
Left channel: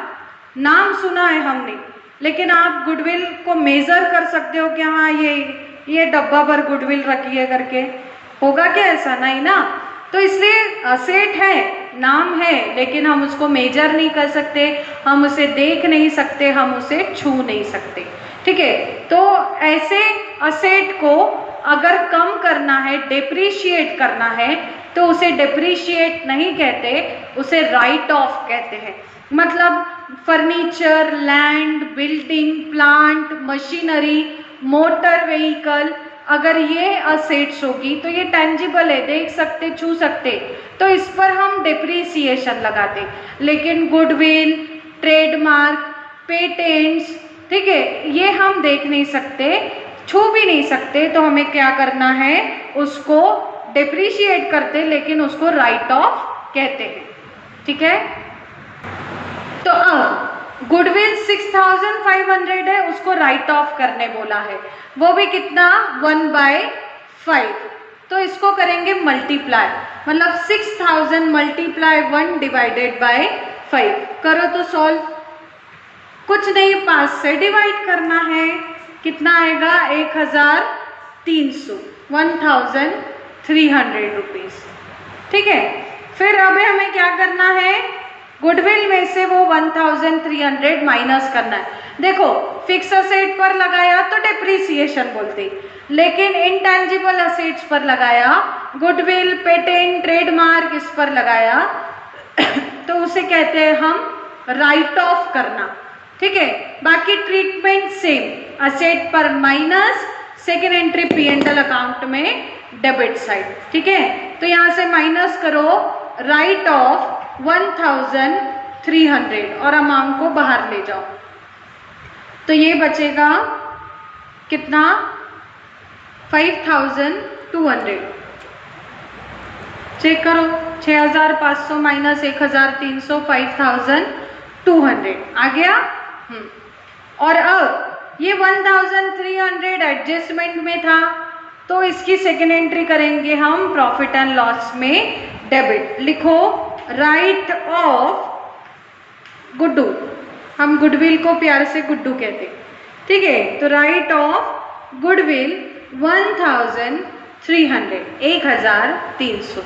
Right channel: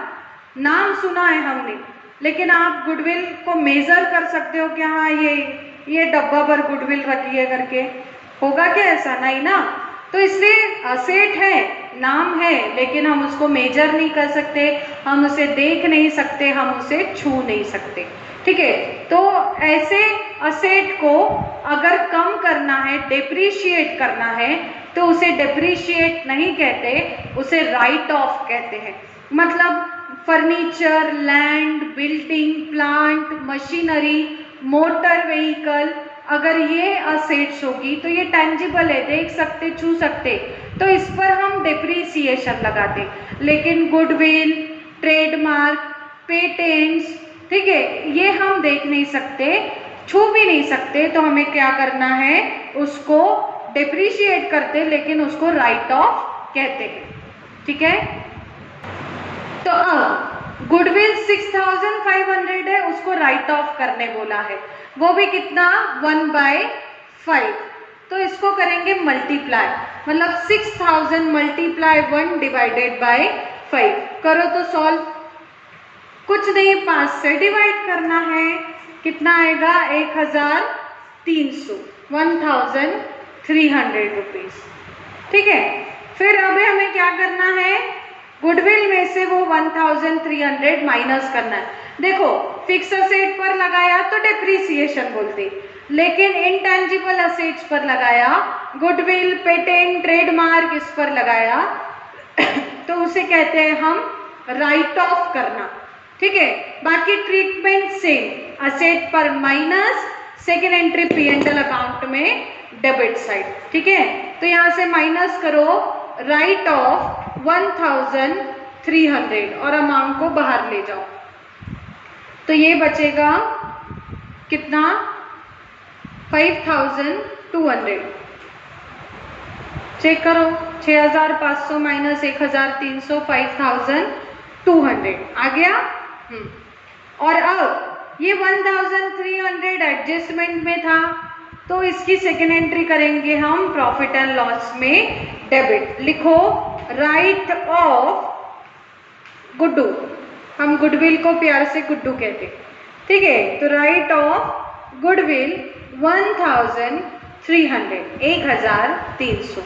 नाम सुना है हमने, लेकिन आप गुडविल को मेजर कर सकते हो क्या? हाँ, ये डब्बा भर गुडविल रखी है करके, होगा क्या ऐसा? नहीं ना। तो इसलिए असेट है, नाम है, लेकिन हम उसको मेजर नहीं कर सकते, हम उसे देख नहीं सकते, हम उसे छू नहीं सकते, ठीक है। तो ऐसे असेट को अगर कम करना है, डेप्रीशिएट करना है, तो उसे डेप्रीशिएट नहीं कहते, उसे राइट ऑफ कहते हैं। मतलब furniture, land, building, plant, machinery, motor vehicle, अगर ये असेट्स होगी तो ये टेंजिबल है, देख सकते, छू सकते, तो इस पर हम डेप्रीसिएशन लगाते। लेकिन गुडविल, ट्रेडमार्क, पेटेंट्स, ठीक है, ये हम देख नहीं सकते, छू भी नहीं सकते, तो हमें क्या करना है, उसको डेप्रीशिएट करते, लेकिन उसको राइट ऑफ कहते हैं, ठीक है। तो अब गुडविल 6500 है, उसको राइट ऑफ करने बोला है, वो भी कितना, 1/5। तो इसको करेंगे मल्टीप्लाई, मतलब 6000 मल्टीप्लाई 1 डिवाइडेड बाय 5। करो तो सॉल्व, कुछ नहीं, 5 से डिवाइड करना है, कितना आएगा, 1300, 1300 रुपीज, ठीक है। फिर अब हमें क्या करना है, गुडविल में से वो 1300 माइनस करना है। देखो, फिक्स असेट पर लगाया तो डेप्रीसिएशन बोलते, लेकिन इंटेंजिबल असेट्स पर लगाया, गुडविल, पेटेंट, ट्रेडमार्क, इस पर लगाया तो उसे कहते हैं हम राइट ऑफ करना, ठीक है। बाकी ट्रीटमेंट सेम, असेट पर minus, second entry P&L account में डेबिट साइड, ठीक है। तो यहां से माइनस करो, राइट ऑफ 1300 और अमाउंट को बाहर ले जाओ, तो ये बचेगा कितना, 5200। चेक करो, 6500 माइनस 1300, 5200 आ गया। और अब ये 1300 एडजस्टमेंट में था, तो इसकी सेकेंड एंट्री करेंगे हम प्रॉफिट एंड लॉस में डेबिट। लिखो, राइट ऑफ गुड्डू, हम गुडविल को प्यार से गुड्डू कहते, ठीक है। तो राइट ऑफ गुडविल 1300, 1300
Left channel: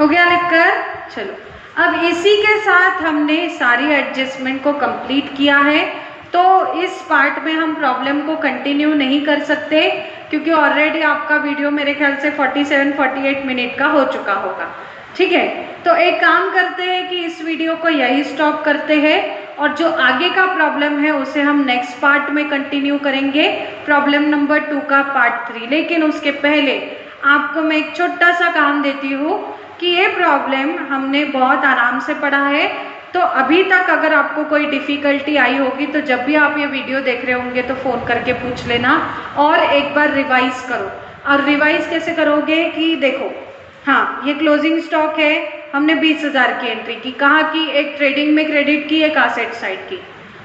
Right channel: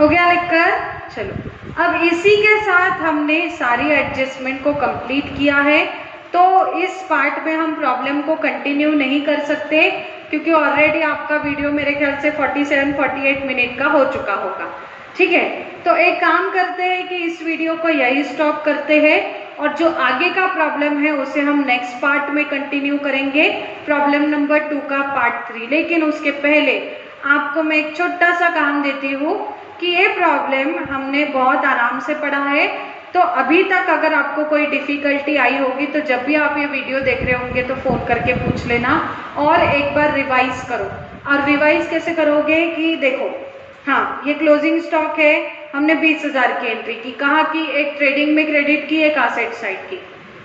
हो गया लिखकर। चलो, अब इसी के साथ हमने सारी एडजस्टमेंट को कंप्लीट किया है, तो इस पार्ट में हम प्रॉब्लम को कंटिन्यू नहीं कर सकते, क्योंकि ऑलरेडी आपका वीडियो मेरे ख्याल से 47-48 मिनट का हो चुका होगा, ठीक है। तो एक काम करते हैं कि इस वीडियो को यही स्टॉप करते हैं, और जो आगे का प्रॉब्लम है उसे हम नेक्स्ट पार्ट में कंटिन्यू करेंगे, प्रॉब्लम नंबर 2 का पार्ट 3। लेकिन उसके पहले आपको मैं एक छोटा सा काम देती हूँ कि ये प्रॉब्लम हमने बहुत आराम से पढ़ा है, तो अभी तक अगर आपको कोई डिफिकल्टी आई होगी तो जब भी आप ये वीडियो देख रहे होंगे तो फ़ोन करके पूछ लेना, और एक बार रिवाइज करो। और रिवाइज कैसे करोगे कि देखो, हाँ, ये क्लोजिंग स्टॉक है, हमने 20,000 की एंट्री की, कहाँ की, एक ट्रेडिंग में क्रेडिट की, एक एसेट साइड की।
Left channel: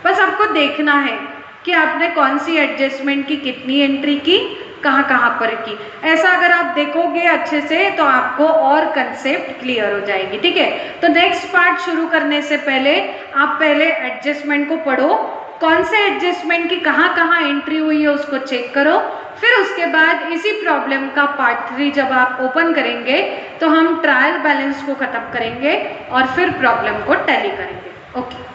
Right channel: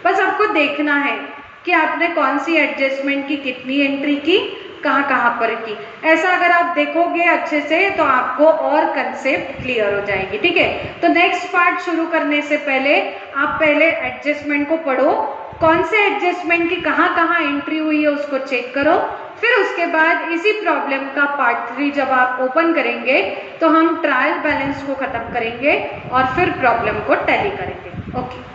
बस आपको देखना है कि आपने कौन सी एडजस्टमेंट की, कितनी एंट्री की, कहाँ कहाँ पर की। ऐसा अगर आप देखोगे अच्छे से तो आपको और कंसेप्ट क्लियर हो जाएगी, ठीक है। तो नेक्स्ट पार्ट शुरू करने से पहले आप पहले एडजस्टमेंट को पढ़ो, कौन से एडजस्टमेंट की कहाँ कहाँ एंट्री हुई है उसको चेक करो, फिर उसके बाद इसी प्रॉब्लम का पार्ट 3 जब आप ओपन करेंगे तो हम ट्रायल बैलेंस को खत्म करेंगे और फिर प्रॉब्लम को टैली करेंगे। ओके।